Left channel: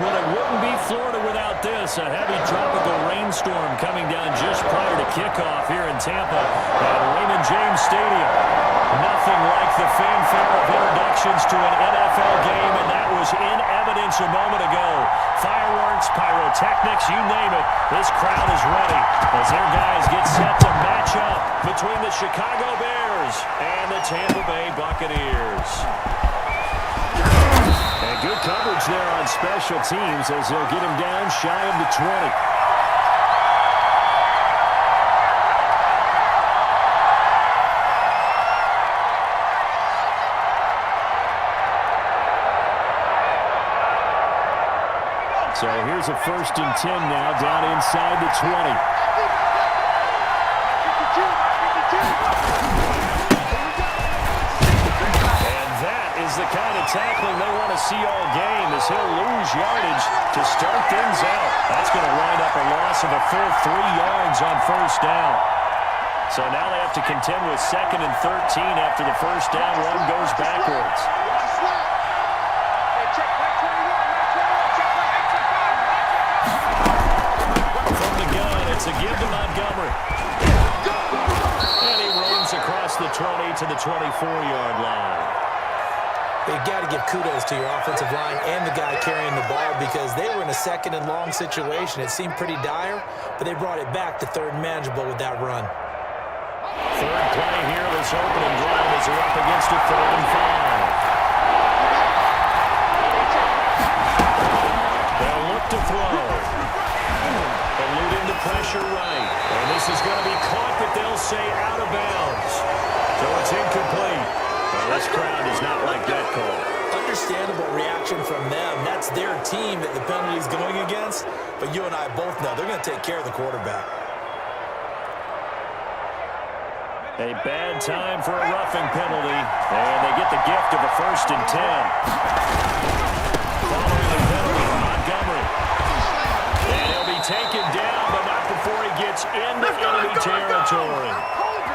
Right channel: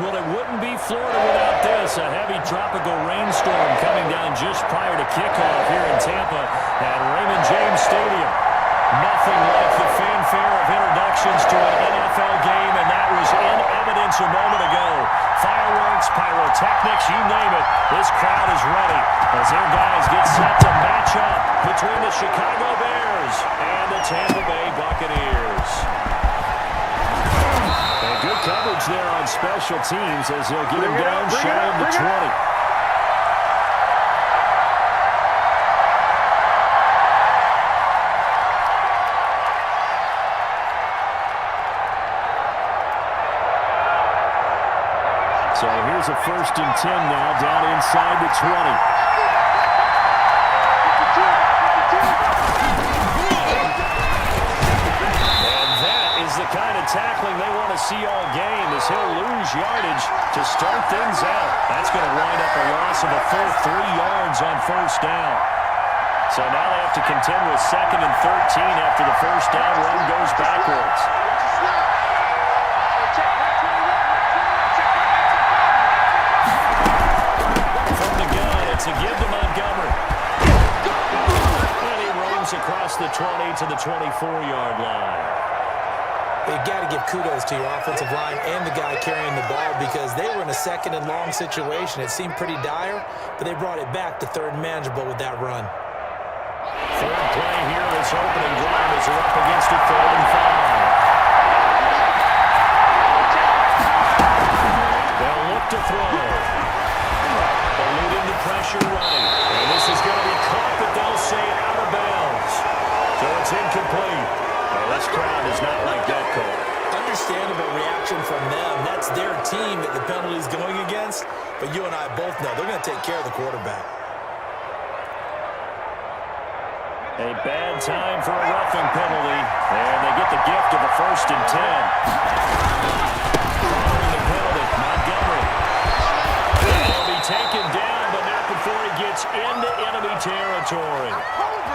Well, it wouldn't be Florida without this. A heavy tropical rainstorm coming down just prior to kickoff here in Tampa at Raymond James Stadium. Nothing like the fanfare of introductions to an NFL game, and that was in evidence a moment ago. Fireworks, pyrotechnics, you name it. This crowd is ready as their guys get set to match up between the Chicago Bears and the Tampa Bay Buccaneers. And good coverage there on special teams as they'll get him down shy of the 20. So here's a 1st and 10 now down inside the 20. And that is the kind of tackling they want to see all game as he'll lose yardage to start things out. That's going to wind up a loss of a full 3 yards on 1st down. So now they have to contend with 2nd and 13 after the 1st down run goes backwards. It's a give to Montgomery. And he roams across the 20 to the 24-yard line. You got to give kudos to your offensive line and the guy carrying the ball because they were in a 2nd and long situation. It seemed pretty dire, but they brought it back to 3rd and manageable with that run. 3rd play here, this opening drive as they're up against a 3rd and 5. They'll look to throw. Eluding the pressure right. And this is going to be caught, but they'll say out of bounds. So it's incomplete. Well, this crowd does not like that call. Understandable reaction from them. That's their team that the penalty's going against. But you and I both know they're going to take care of the quarterback. A bad time for a roughing penalty. And they get the gift of a 1st and 10. Following the penalty, Montgomery. And he'll be taken down, but not before he gets into enemy territory.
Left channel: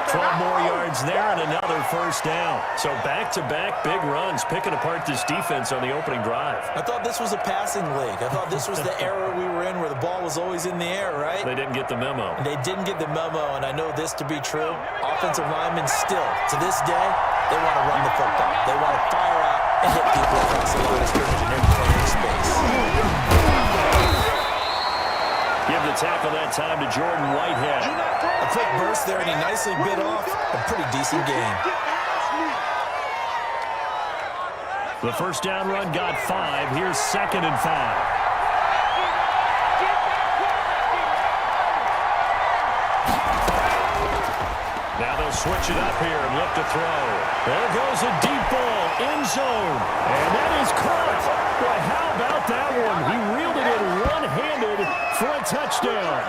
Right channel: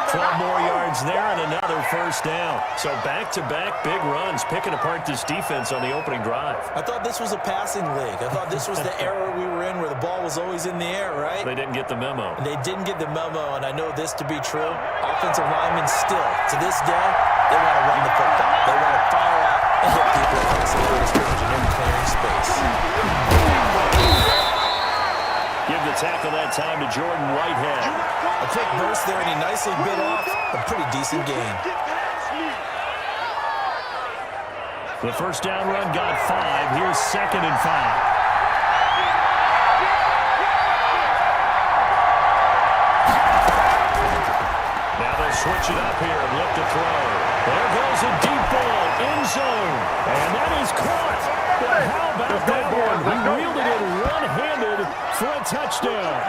12 more yards there and another 1st down. So back-to-back big runs, picking apart this defense on the opening drive. I thought this was a passing league. I thought this was the era we were in where the ball was always in the air, right? They didn't get the memo. And they didn't get the memo, and I know this to be true. Offensive linemen still, to this day, they want to run the football. They want to fire out and hit people across the line of scrimmage in every clearing space. Give the tackle that time to Jordan Whitehead. A quick burst there, and he nicely bit off a pretty decent gain. The 1st down run got 5. Here's 2nd and 5. Now they'll switch it up here and look to throw. There goes a deep ball, end zone, and that is caught. Well, how about that one? He reeled it in one-handed for a touchdown.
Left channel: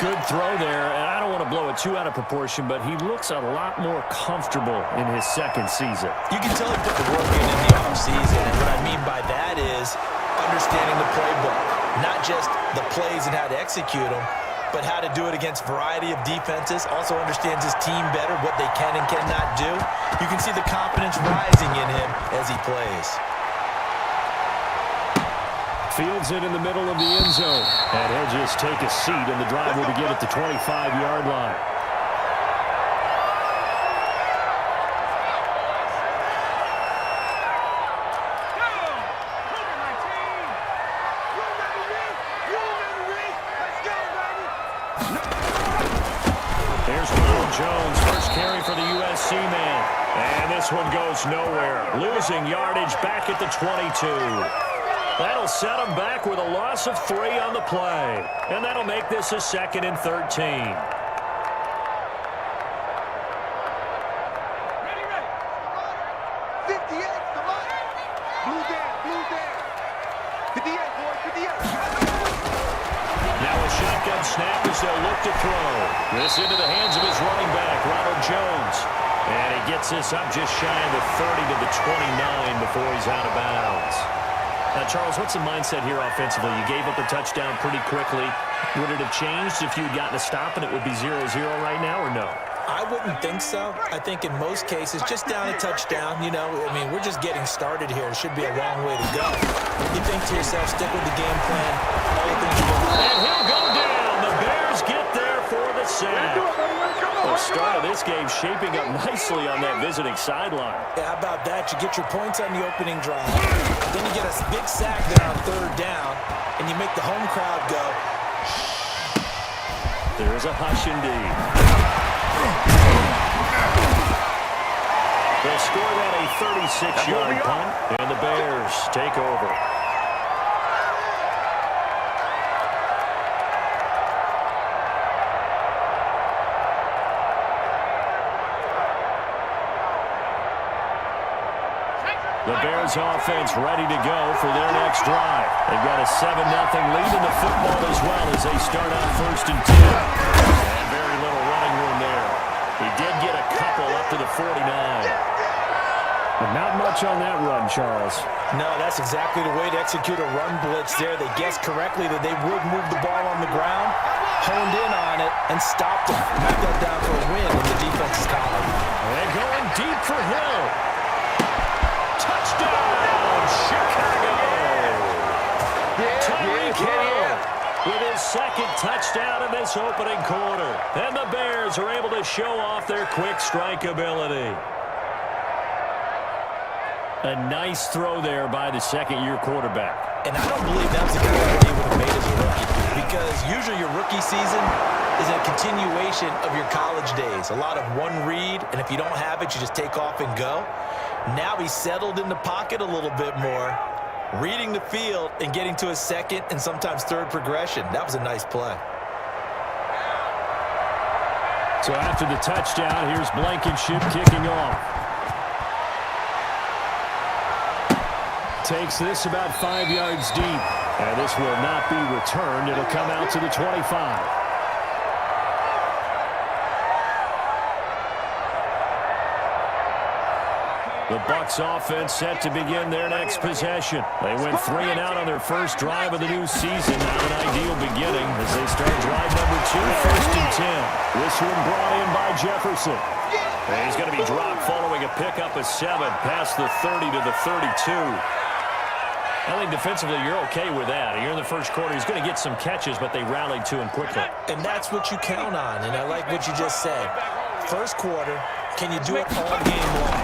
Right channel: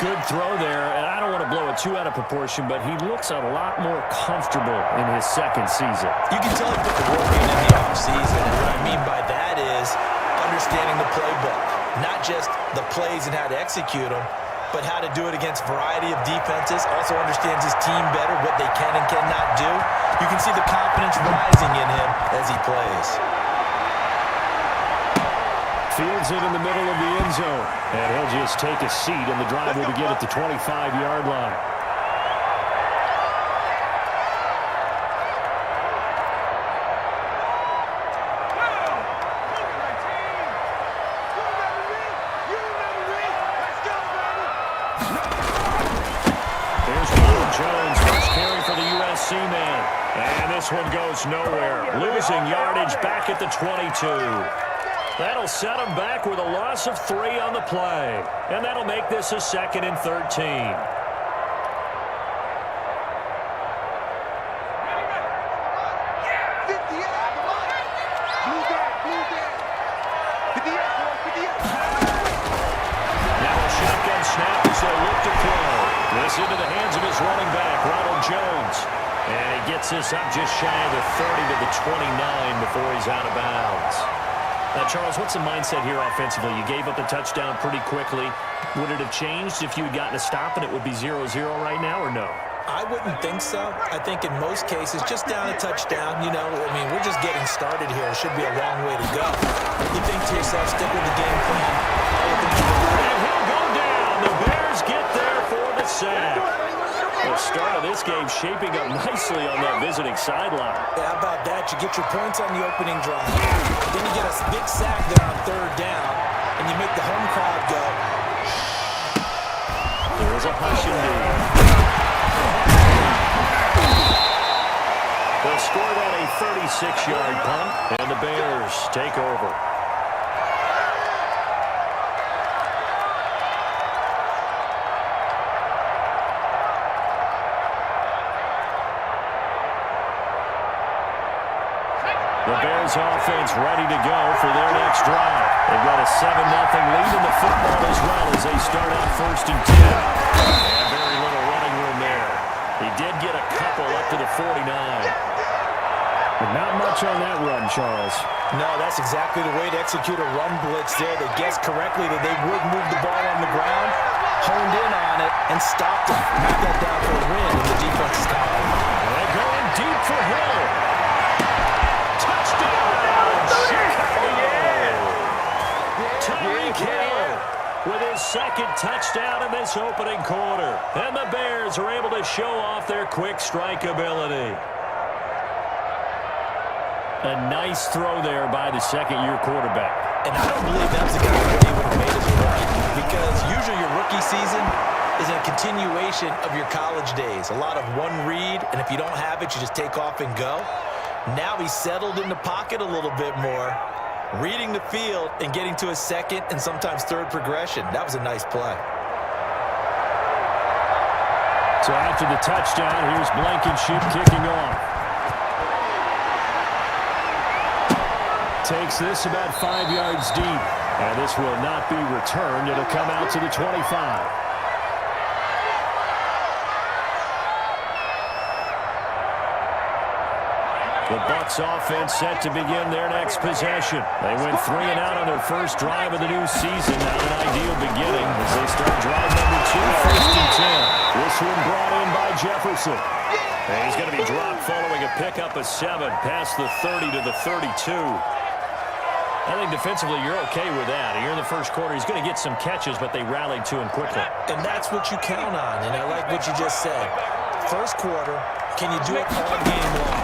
Good throw there, and I don't want to blow it too out of proportion, but he looks a lot more comfortable in his 2nd season. You can tell he put the work in the offseason, and what I mean by that is understanding the playbook, not just the plays and how to execute them, but how to do it against a variety of defenses. Also understands his team better, what they can and cannot do. You can see the confidence rising in him as he plays. Fields it in the middle of the end zone. And he'll just take a seat, and the drive will begin at the 25-yard line. Jones, first carry for the USC man. And this one goes nowhere. Losing yardage back at the 22. That'll set him back with a loss of 3 on the play. And that'll make this a 2nd and 13. Now a shotgun snap as they'll look to throw. This into the hands of his running back, Ronald Jones. And he gets this up just shy of the 30 to the 29 before he's out of bounds. Now, Charles, what's the mindset here offensively? You gave up a touchdown pretty quickly. Would it have changed if you had gotten a stop and it would be 0-0 right now, or no? I wouldn't think so. I think in most cases, just down a touchdown, you know, I mean, we're just getting started here. It should be a long way to go. You think to yourself, stick with the game plan. All the things you want. And he'll go down. The Bears get there for the sack. The start of this game shaping up nicely on that visiting sideline. Yeah, how about that? You get your points on the opening drive. Then you get a big sack there on third down, and you make the home crowd go. There is a hush indeed. They'll score that a 36-yard punt, and the Bears take over. The Bears offense ready to go for their next drive. They've got a 7-0 lead in the football as well as they start out 1st and 10. And very little running room there. He did get a couple up to the 49. But not much on that run, Charles. No, that's exactly the way to execute a run blitz there. They guessed correctly that they would move the ball on the ground, honed in on it, and stopped them. Knocked that down for a win in the defense's column. They're going deep for Hill. Touchdown, Chicago! Tyreek Hill with his second touchdown in this opening quarter. And the Bears are able to show off their quick strike ability. A nice throw there by the second-year quarterback. And I don't believe that was the kind of thing he would have made as a rookie, because usually your rookie season is a continuation of your college days. A lot of one read, and if you don't have it, you just take off and go. Now he's settled in the pocket a little bit more, reading the field and getting to a second and sometimes third progression. That was a nice play. So after the touchdown, here's Blankenship kicking off. Takes this about 5 yards deep. And this will not be returned. It'll come out to the 25. The Bucs offense set to begin their next possession. They went 3 and out on their first drive of the new season. Not an ideal beginning as they start drive number 2, 1st and 10. This one brought in by Jefferson. And he's going to be dropped following a pickup of 7 past the 30 to the 32. I think defensively you're okay with that. Here in the first quarter, he's going to get some catches, but they rallied to him quickly. And that's what you count on, and I like what you just said. First quarter, can you do it all game long?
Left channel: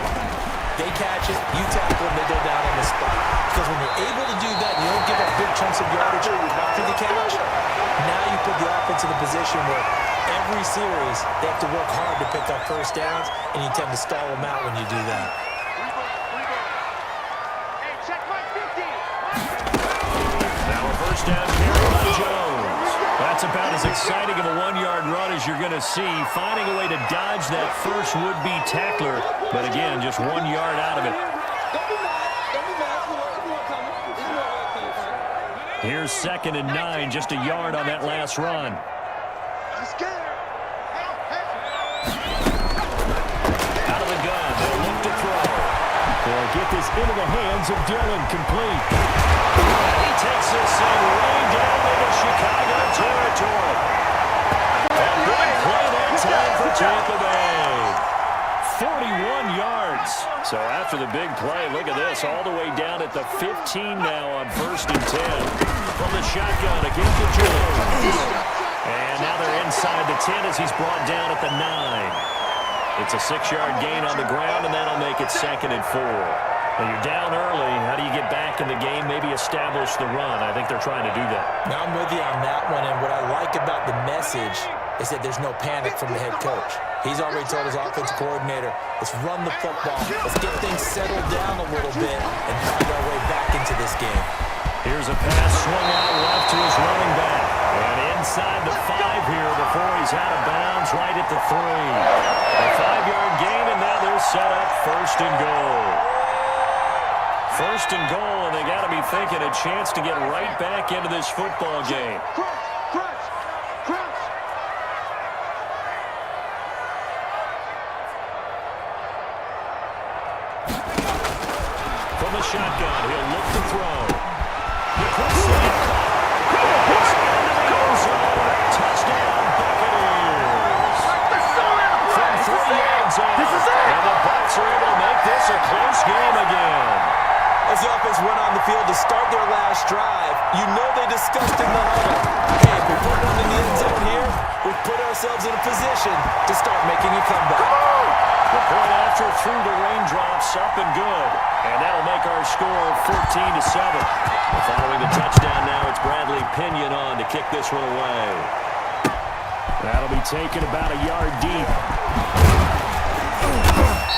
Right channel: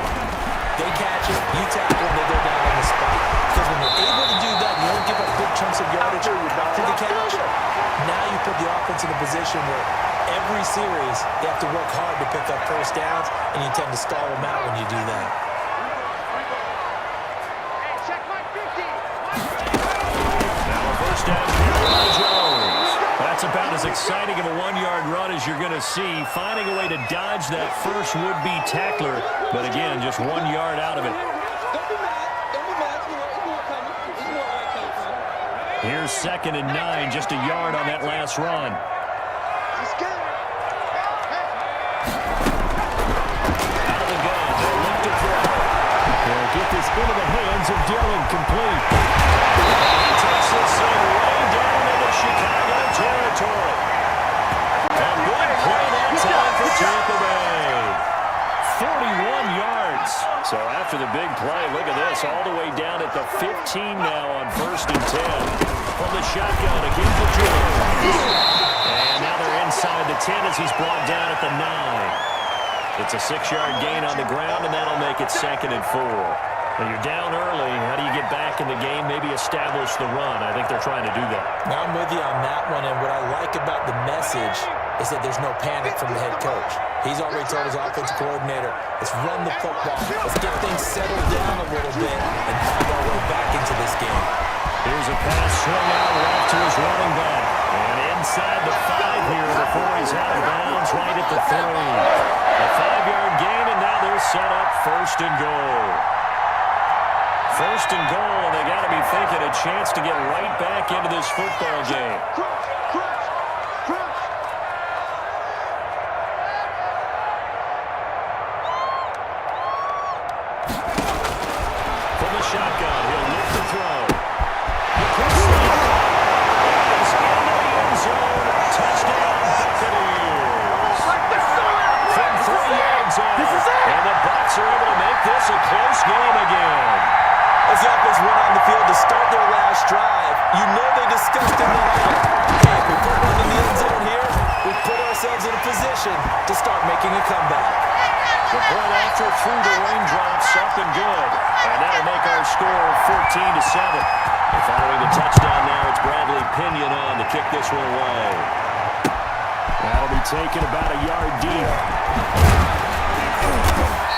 They catch it, you tackle them, they go down on the spot. Because when you're able to do that, you don't give up big chunks of yardage after the catch. Now you put the offense in a position where every series they have to work hard to pick up first downs, and you tend to stall them out when you do that. Now a first down carry by Jones. That's about as exciting of a 1-yard run as you're going to see. Finding a way to dodge that first would-be tackler. But again, just 1 yard out of it. Don't be mad. Don't be mad. It's more coming. It's more where it came from. Here's 2nd and 9, just a yard on that last run. Out of the gun, they'll look to throw. They'll get this into the hands of Dillon, complete. And he takes this thing way down into Chicago territory. A big play that time for Tampa Bay. 41 yards. So after the big play, look at this, all the way down at the 15 now on 1st and 10. From the shotgun against the Jones. And now they're inside the 10 as he's brought down at the 9. It's a 6-yard gain on the ground, and that'll make it 2nd and 4. Now you're down early. How do you get back in the game, maybe establish the run? I think they're trying to do that. Now I'm with you on that one, and what I like about the message is that there's no panic from the head coach. He's already told his offensive coordinator, let's run the football. Let's get things settled down a little bit and find our way back into this game. Here's a pass swung out left to his running back. And inside the 5 here before he's out of bounds right at the 3. A 5-yard gain, and now they're set up 1st and goal. 1st and goal, and they got to be thinking a chance to get right back into this football game. From the shotgun, he'll look to throw. The quick slant caught. He's into the end zone. Touchdown, Buccaneers. From zone. And the Bucs are able to make this a close game again. As the offense went on the field to start their last drive, you know they discussed in the huddle, hey, if we put one in the end zone here, we put ourselves in a position to start making a comeback. The point after through the raindrops, up and good. And that'll make our score 14-7. Following the touchdown now, it's Bradley Pinion on to kick this one away. That'll be taken about a yard deep.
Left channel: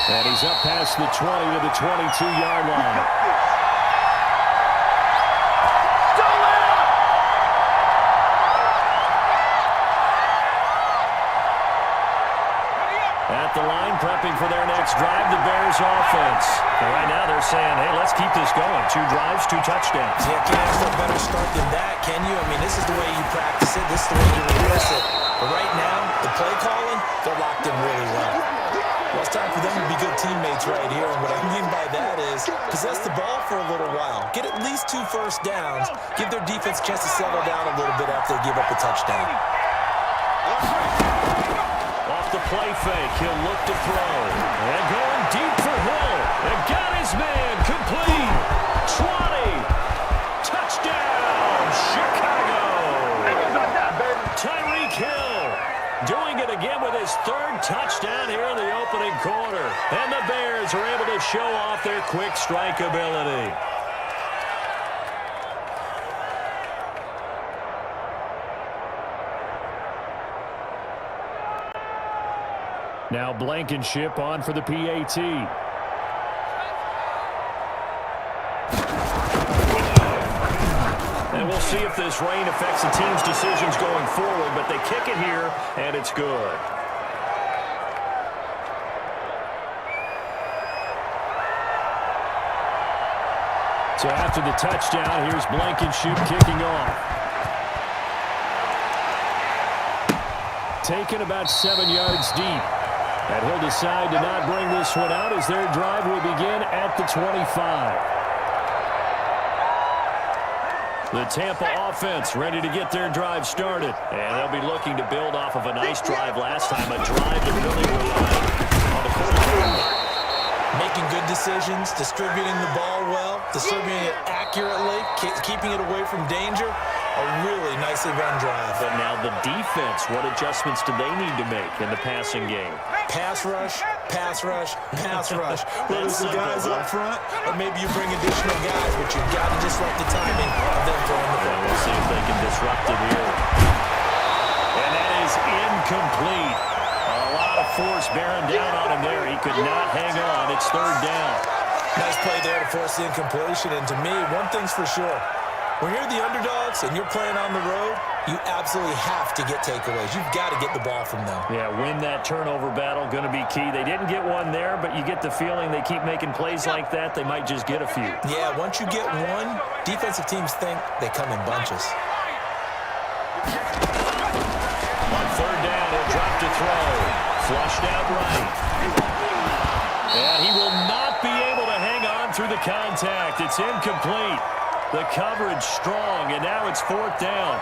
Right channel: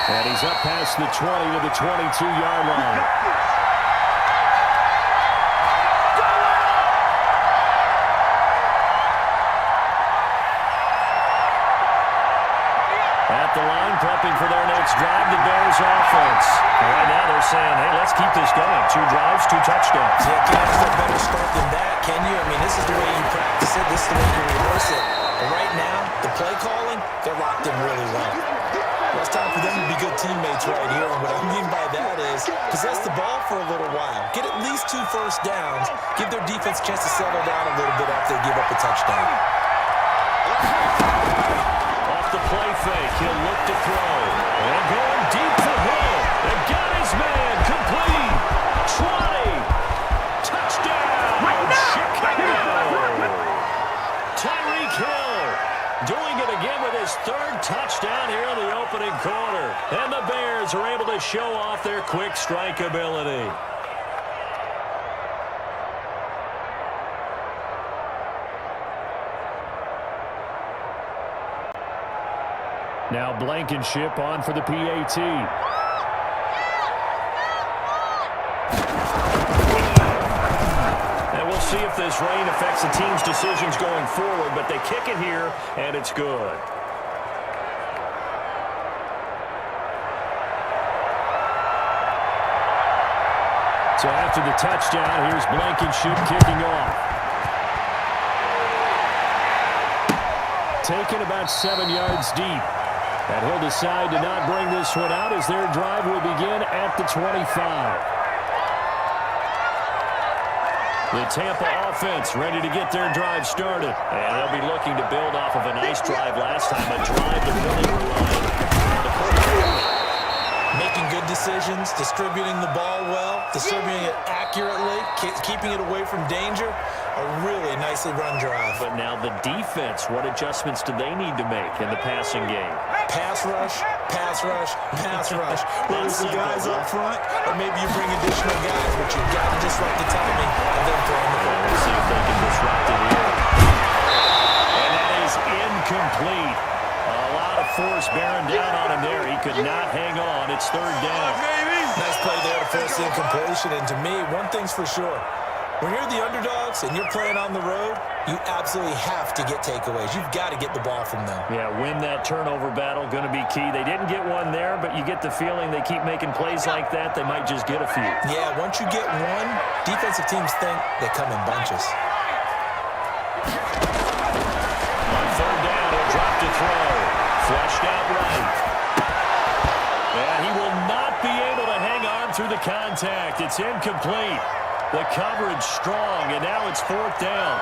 And he's up past the 20 to the 22-yard line. At the line, prepping for their next drive, the Bears offense. And right now they're saying, hey, let's keep this going. 2 drives, 2 touchdowns. Yeah, can't ask for a better start than that, can you? I mean, this is the way you practice it. This is the way you rehearse it. But right now, the play calling, they're locked in really well. Well, it's time for them to be good teammates right here. And what I mean by that is possess the ball for a little while. Get at least 2 first downs. Give their defense a chance to settle down a little bit after they give up a touchdown. Off the play fake, he'll look to throw. And going deep for Hill. And got his man complete. 20. Touchdown, Chicago. Tyreek Hill doing it again with his 3rd touchdown here in the opening quarter. And the Bears are able to show off their quick strike ability. Now Blankenship on for the PAT. And we'll see if this rain affects the team's decisions going forward, but they kick it here, and it's good. So after the touchdown, here's Blankenship kicking off. Taken about 7 yards deep. And he'll decide to not bring this one out as their drive will begin at the 25. The Tampa offense ready to get their drive started. And they'll be looking to build off of a nice drive last time, a drive that really relied on the quarterback. Making good decisions, distributing the ball well, distributing it accurately, keeping it away from danger. A really nicely run drive. But now the defense, what adjustments do they need to make in the passing game? Pass rush, pass rush, pass rush. Whether it's the guys up front or maybe you bring additional guys, but you've got to disrupt the timing of them throwing the ball. We'll see if they can disrupt it here. And that is incomplete. A lot of force bearing down on him there. He could not hang on. It's 3rd down. Nice play there to force the incompletion. And to me, one thing's for sure. When you're the underdogs and you're playing on the road, you absolutely have to get takeaways. You've got to get the ball from them. Yeah, win that turnover battle, going to be key. They didn't get one there, but you get the feeling they keep making plays like that, they might just get a few. Yeah, once you get one, defensive teams think they come in bunches. On 3rd down, he'll drop to throw. Flushed out right. And he will not be able to hang on through the contact. It's incomplete. The coverage strong, and now it's 4th down.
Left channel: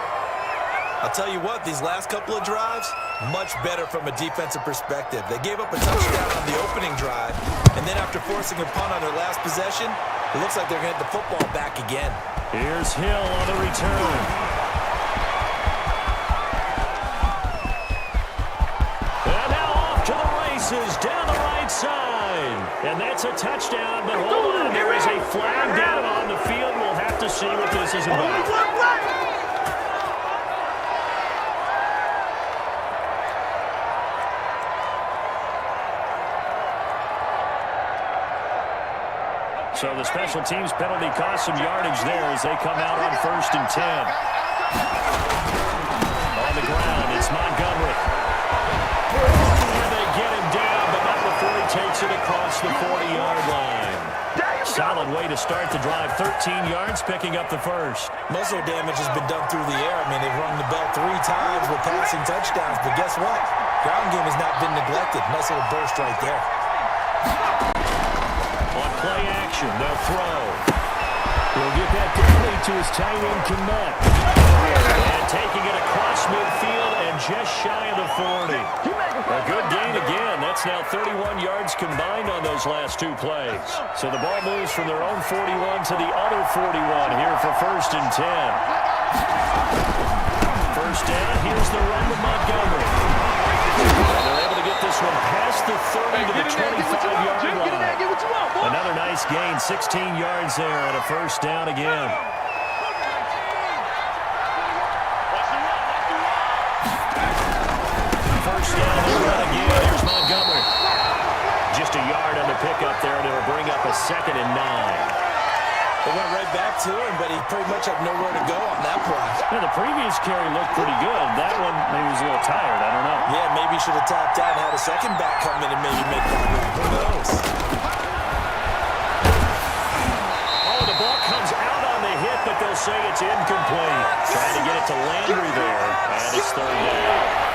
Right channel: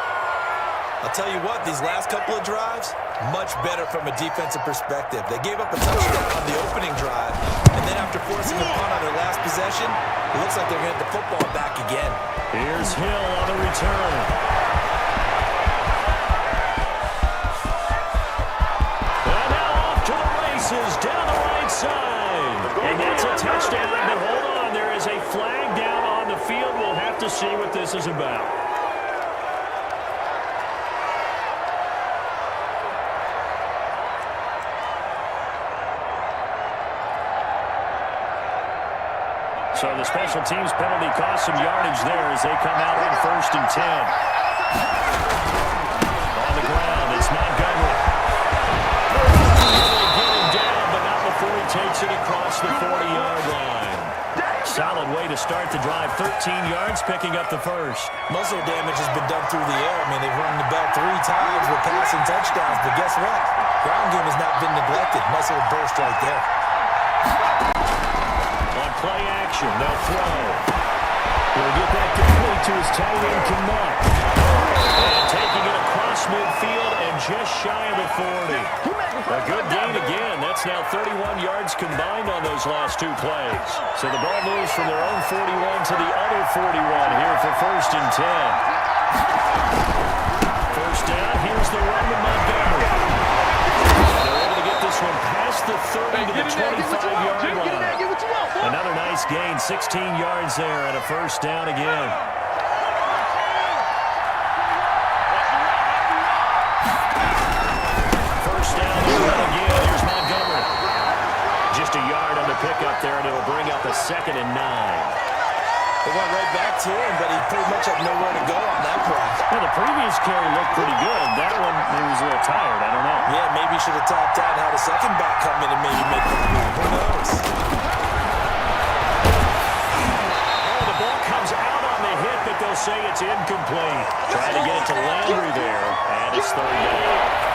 I'll tell you what, these last couple of drives, much better from a defensive perspective. They gave up a touchdown on the opening drive, and then after forcing a punt on their last possession, it looks like they're going to get the football back again. Here's Hill on the return. And now off to the races down the right side. And that's a touchdown, but hold on, there is a flag down on the field. We'll have to see what this is about. So the special teams penalty cost some yardage there as they come out on 1st and 10. On the ground, it's Montgomery. And they get him down, but not before he takes it across the 40-yard line. Solid way to start the drive. 13 yards, picking up the first. Most of their damage has been done through the air. I mean, they've rung the bell 3 times with passing touchdowns, but guess what? Ground game has not been neglected. Nice little burst right there. On play action, they'll throw. He'll get that complete to his tight end, Kmet. And taking it across midfield and just shy of the 40. A good gain again. That's That's now 31 yards combined on those last two plays. So the ball moves from their own 41 to the other 41 here for 1st and 10. First down, here's the run with Montgomery. And they're able to get this one past the 30 to the 25-yard line. Another nice gain, 16 yards there and a first down again. First down, they run again. Here's Montgomery. Just a yard on the pickup there, and it'll bring up a 2nd and 9. They went right back to him, but he pretty much had nowhere to go on that play. Yeah, the previous carry looked pretty good. That one, maybe was a little tired. I don't know. Yeah, maybe he should have tapped out and had a second back come in and maybe make the move. Who knows? Oh, the ball comes out on the hit, but they'll say it's incomplete. Trying to get it to Landry there, and it's 3rd down.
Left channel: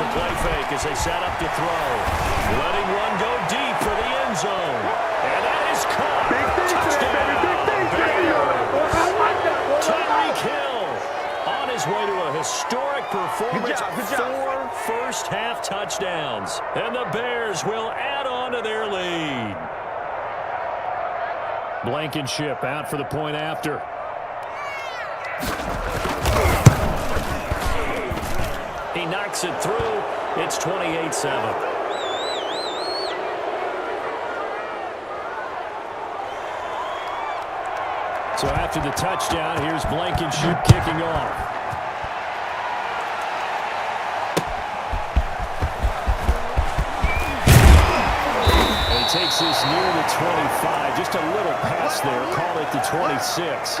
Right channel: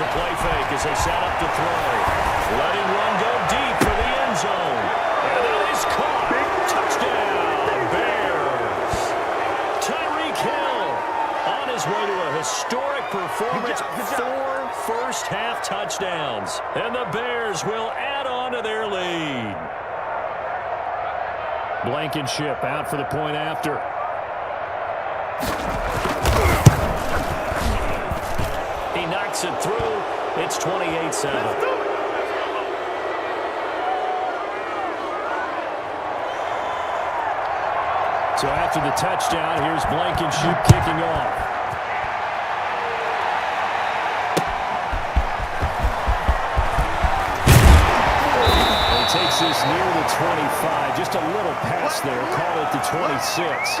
A play fake as they set up to throw. Letting one go deep for the end zone. And that is caught. Touchdown, Bears. Tyreek Hill on his way to a historic performance. Good job. 4 first-half touchdowns. And the Bears will add on to their lead. Blankenship out for the point after. He knocks it through. It's 28-7. So after the touchdown, here's Blankenship kicking off. And he takes this near the 25. Just a little pass there. Call it the 26.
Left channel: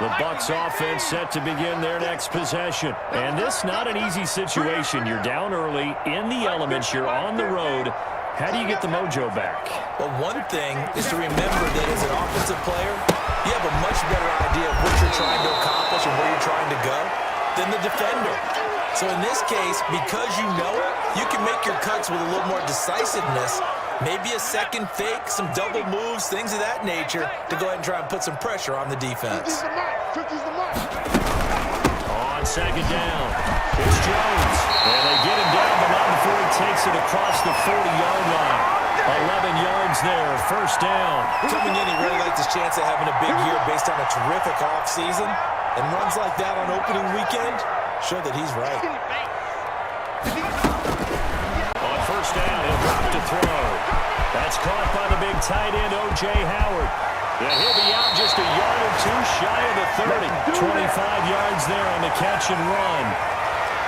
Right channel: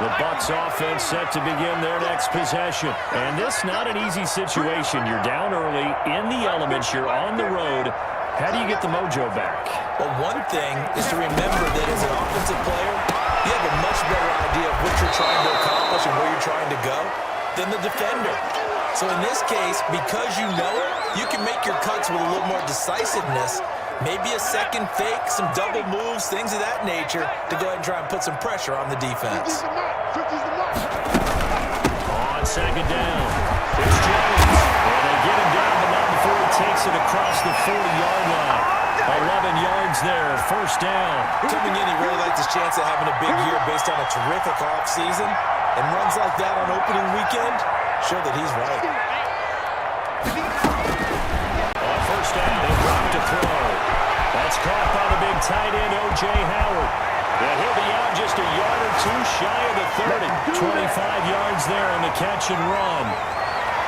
The Bucs offense set to begin their next possession. And this not an easy situation. You're down early, in the elements, you're on the road. How do you get the mojo back? Well, one thing is to remember that as an offensive player, you have a much better idea of what you're trying to accomplish and where you're trying to go than the defender. So in this case, because you know it, you can make your cuts with a little more decisiveness. Maybe a second fake, some double moves, things of that nature to go ahead and try and put some pressure on the defense. On 2nd down, it's Jones. And they get him down, but not before he takes it across the 40-yard line. 11 yards there, first down. Coming in, he really liked his chance of having a big year based on a terrific offseason. And runs like that on opening weekend show that he's right. On first down, he'll drop to throw. That's caught by the big tight end, O.J. Howard. And he'll be out just a yard or two shy of the 30. 25 yards there on the catch and run.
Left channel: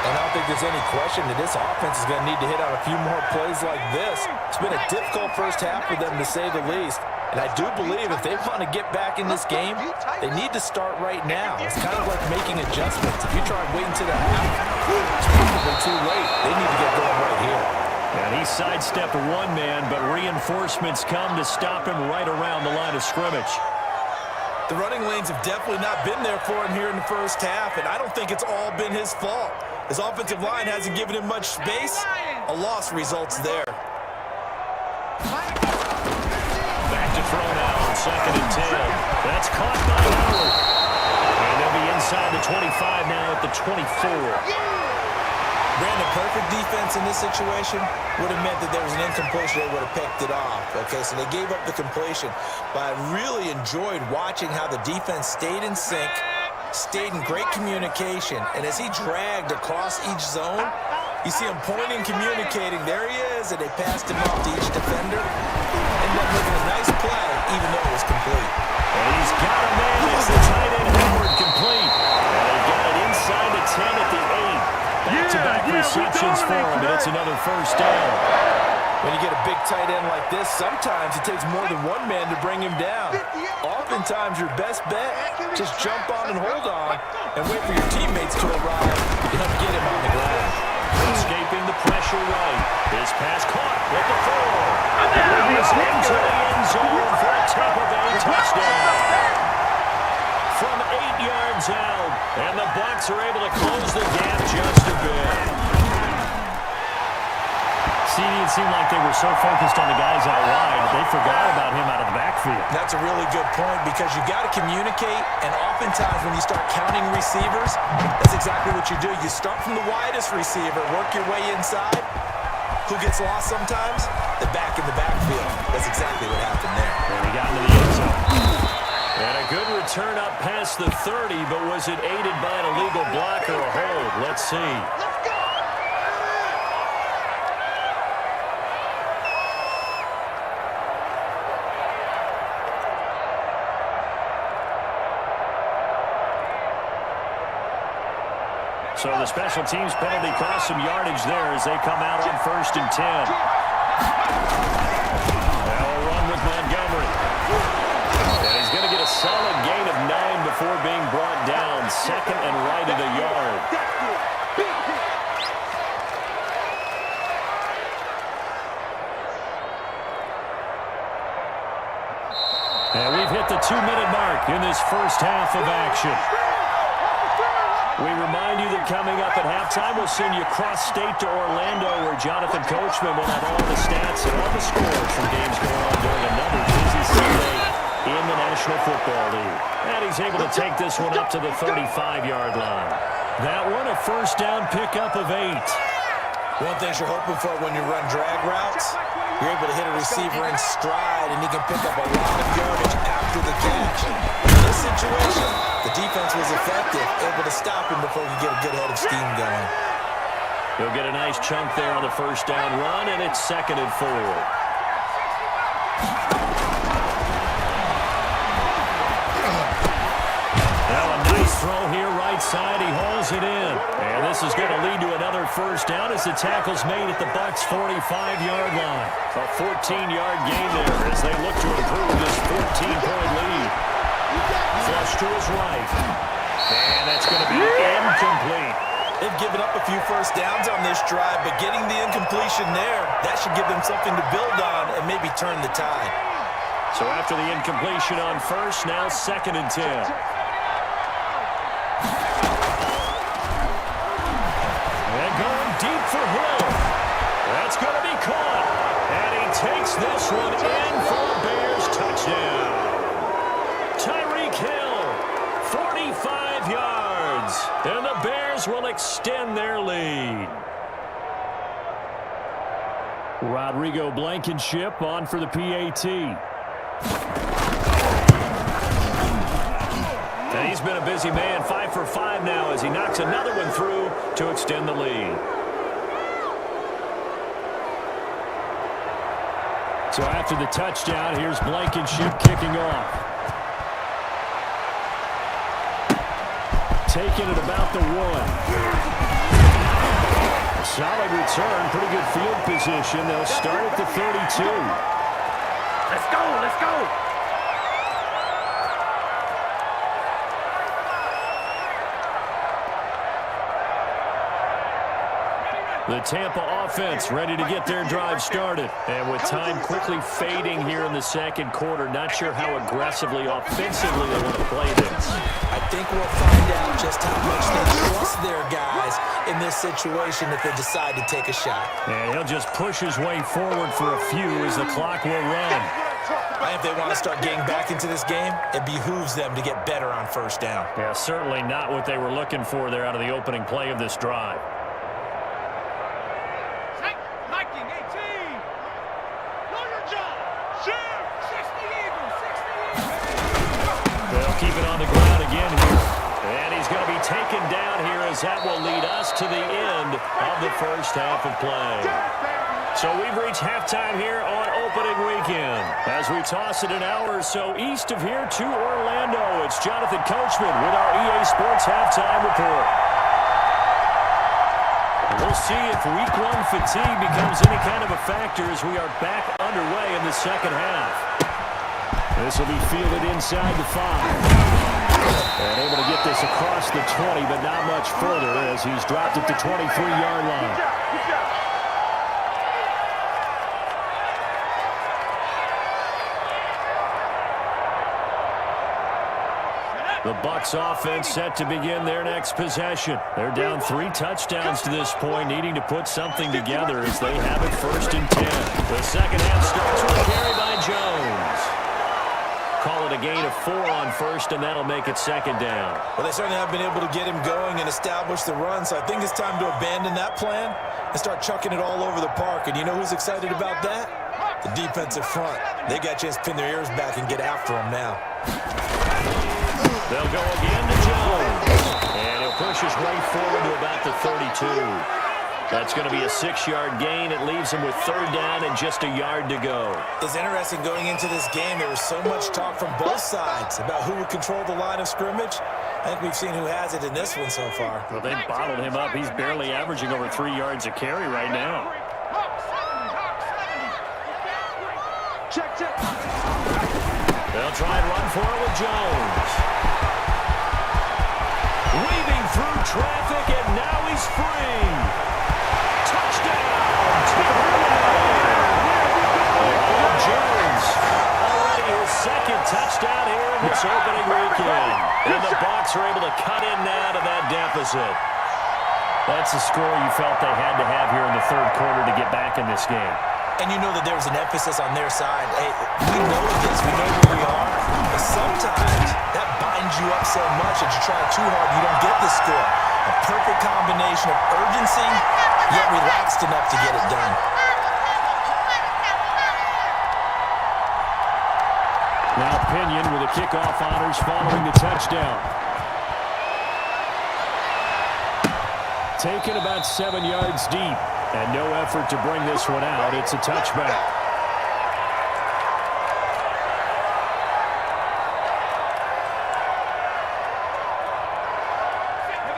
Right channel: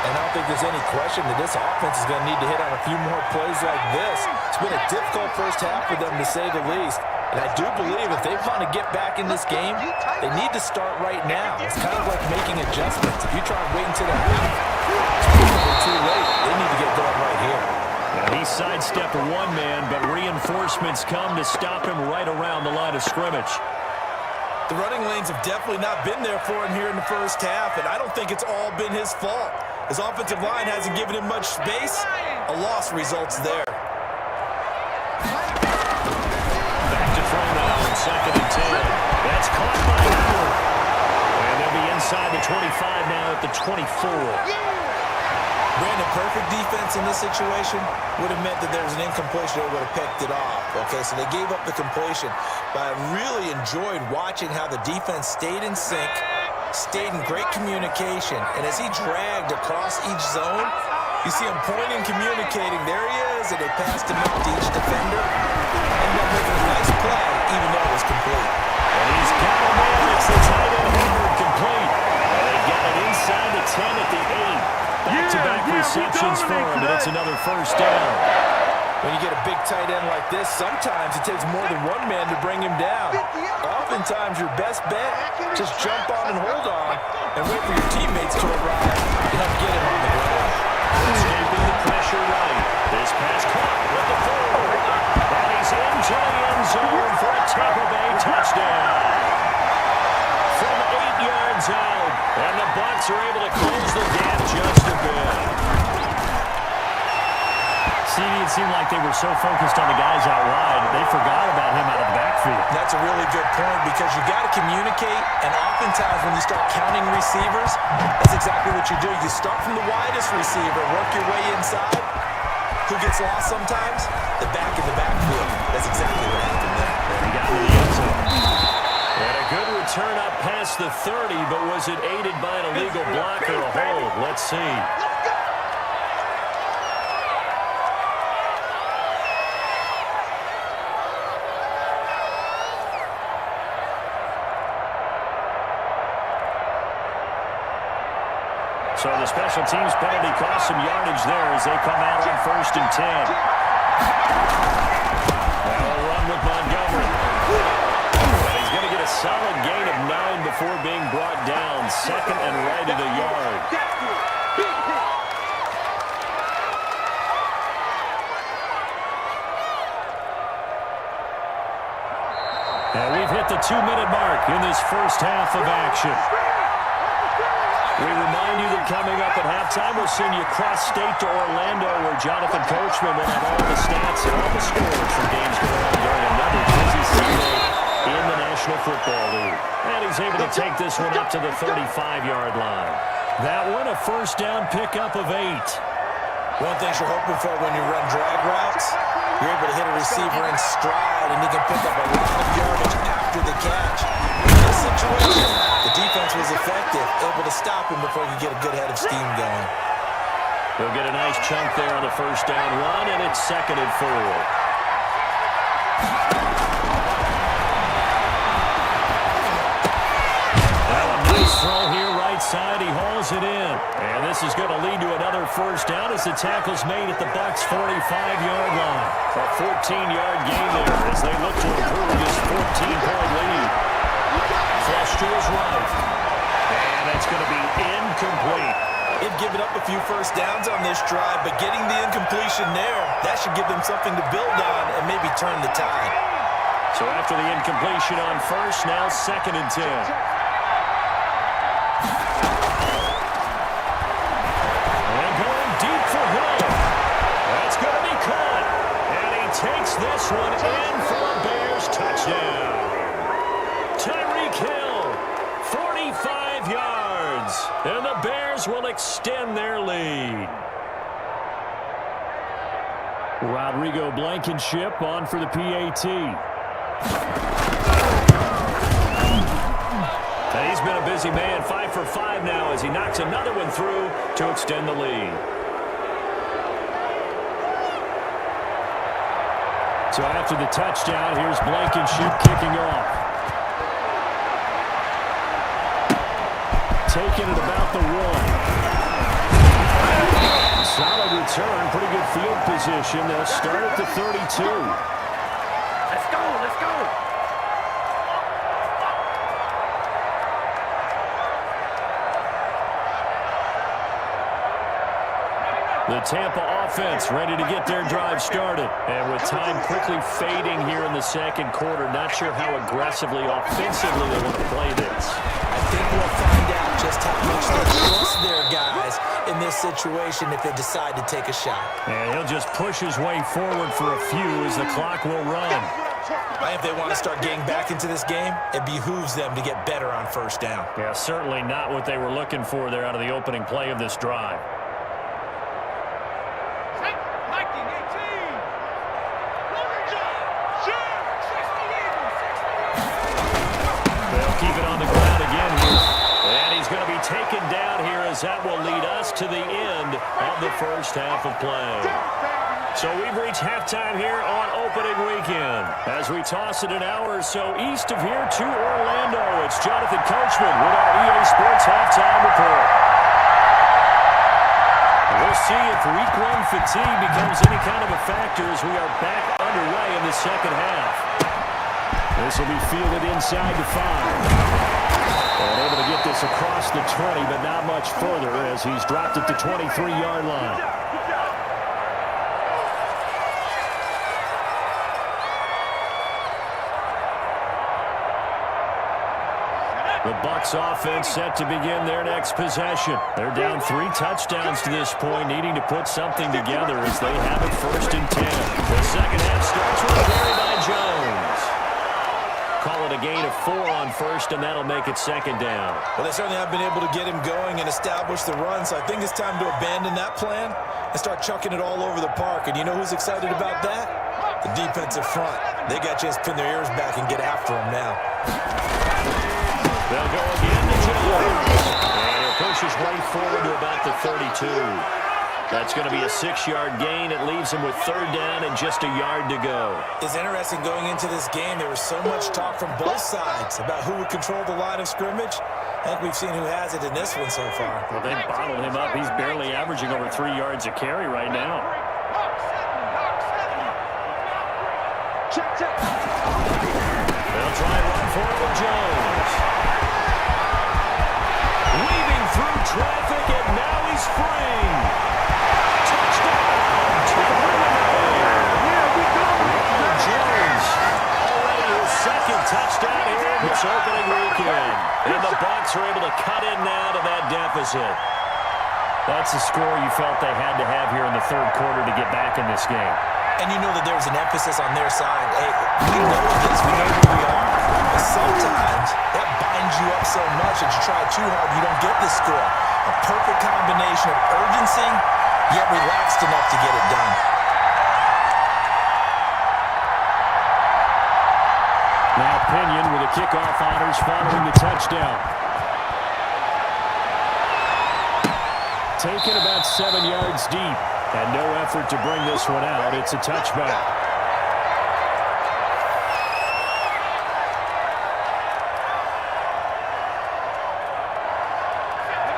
And I don't think there's any question that this offense is going to need to hit on a few more plays like this. It's been a difficult first half for them, to say the least. And I do believe if they want to get back in this game, they need to start right now. It's kind of like making adjustments. If you try and wait until the half, it's probably too late. They need to get going right here. And he sidestepped one man, but reinforcements come to stop him right around the line of scrimmage. The running lanes have definitely not been there for him here in the first half, and I don't think it's all been his fault. His offensive line hasn't given him much space. A loss results there. Back to throw now on 2nd and 10. That's caught by Howard. And they'll be inside the 25 now at the 24. Brandon, perfect defense in this situation would have meant that there was an incompletion. They would have picked it off. Okay, so they gave up the completion. But I really enjoyed watching how the defense stayed in sync, stayed in great communication. And as he dragged across each zone, you see him pointing, communicating. There he is, and they passed him off to each defender. Ended up making a nice play, even though it was complete. And he's got a man. It's the tight end, Howard, complete. And they've got it inside the 10 at the 8. Back-to-back receptions for him, and it's another first down. When you get a big tight end like this, sometimes it takes more than one man to bring him down. Oftentimes, your best bet, just jump on and hold on and wait for your teammates to arrive and help get him on the ground. Escaping the pressure right. This pass caught with the 4. And he's into the end zone for a Tampa Bay touchdown. From 8 yards out, and the Bucs are able to close the gap just a bit. CD, it seemed like they were so focused on the guys out wide, they forgot about him out of the backfield. backfield. That's a really good point because you got to communicate, and oftentimes when you start counting receivers, that's exactly what you do. You start from the widest receiver, work your way inside. Who gets lost sometimes? The back in the backfield. That's exactly what happened there. And he got into the end zone. And a good return up past the 30, but was it aided by an illegal block or a hold? Let's see. So the special teams penalty cost some yardage there as they come out on 1st and 10. Now a run with Montgomery. And he's going to get a solid gain of 9 before being brought down. 2nd and right of the yard. And we've hit the 2-minute mark in this first half of action. We remind you that coming up at halftime, we'll send you cross-state to Orlando, where Jonathan Coachman will have all the stats and all the scores from games going on during another busy Sunday in the National Football League. And he's able to take this one up to the 35-yard line. That one, a first down pickup of 8. One thing you're hoping for when you run drag routes, you're able to hit a receiver in stride, and he can pick up a lot of yardage after the catch. In this situation, the defense was effective, able to stop him before he could get a good head of steam going. He'll get a nice chunk there on the first down run, and it's 2nd and 4. Now a nice throw here, right side. He hauls it in. And this is going to lead to another first down as the tackle's made at the Bucs' 45-yard line. A 14-yard gain there as they look to improve this 14-point lead. Flush to his right. And that's going to be incomplete. They've given up a few first downs on this drive, but getting the incompletion there, that should give them something to build on and maybe turn the tide. So after the incompletion on first, now 2nd and 10. And going deep for Hill. That's going to be caught. And he takes this one in for a Bears touchdown. Tyreek Hill, 45 yards. And the Bears will extend their lead. Rodrigo Blankenship on for the PAT. And he's been a busy man, 5 for 5 now as he knocks another one through to extend the lead. So after the touchdown, here's Blankenship kicking off. Taking it about the 1. Solid return, pretty good field position. They'll start at the 32. Let's go, let's go. The Tampa offense ready to get their drive started. And with time quickly fading here in the second quarter, not sure how aggressively, offensively they want to play this. I think we'll find out just how much they trust their guys in this situation if they decide to take a shot. And he'll just push his way forward for a few as the clock will run. If they want to start getting back into this game, it behooves them to get better on first down. Yeah, certainly not what they were looking for there out of the opening play of this drive. They'll keep it on the ground again here. And he's going to be taken down here as that will lead us to the end of the first half of play. So we've reached halftime here on opening weekend. As we toss it an hour or so east of here to Orlando, it's Jonathan Coachman with our EA Sports Halftime Report. We'll see if week 1 fatigue becomes any kind of a factor as we are back underway in the second half. This will be fielded inside the 5. And able to get this across the 20, but not much further as he's dropped at the 23-yard line. The Bucs offense set to begin their next possession. They're down 3 touchdowns to this point, needing to put something together as they have it 1st and 10. The second half starts with a carry by Jones. a gain of 4 on first, and that'll make it second down. Well, they certainly have been able to get him going and establish the run, so I think it's time to abandon that plan and start chucking it all over the park. And you know who's excited about that? The defensive front. They got a chance to pin their ears back and get after him now. They'll go again to Jones. And he'll push his way forward to about the 32. That's going to be a 6-yard gain. It leaves him with third down and just a yard to go. It's interesting going into this game. There was so much talk from both sides about who would control the line of scrimmage. I think we've seen who has it in this one so far. Well, they bottled him up. He's barely averaging over 3 yards a carry right now. Check. They'll try and run for it with Jones. Weaving through traffic, and now he's free. Touchdown! Ronald Jones, already his second touchdown here in this opening weekend. And the Bucs are able to cut in now to that deficit. That's the score you felt they had to have here in the third quarter to get back in this game. And you know that there's an emphasis on their side. Hey, we know this. We know who we are. But sometimes that binds you up so much that you try too hard, you don't get the score. A perfect combination of urgency, yet relaxed enough to get it done. Now Pinion with the kickoff honors following the touchdown. Taken about 7 yards deep. And no effort to bring this one out. It's a touchback.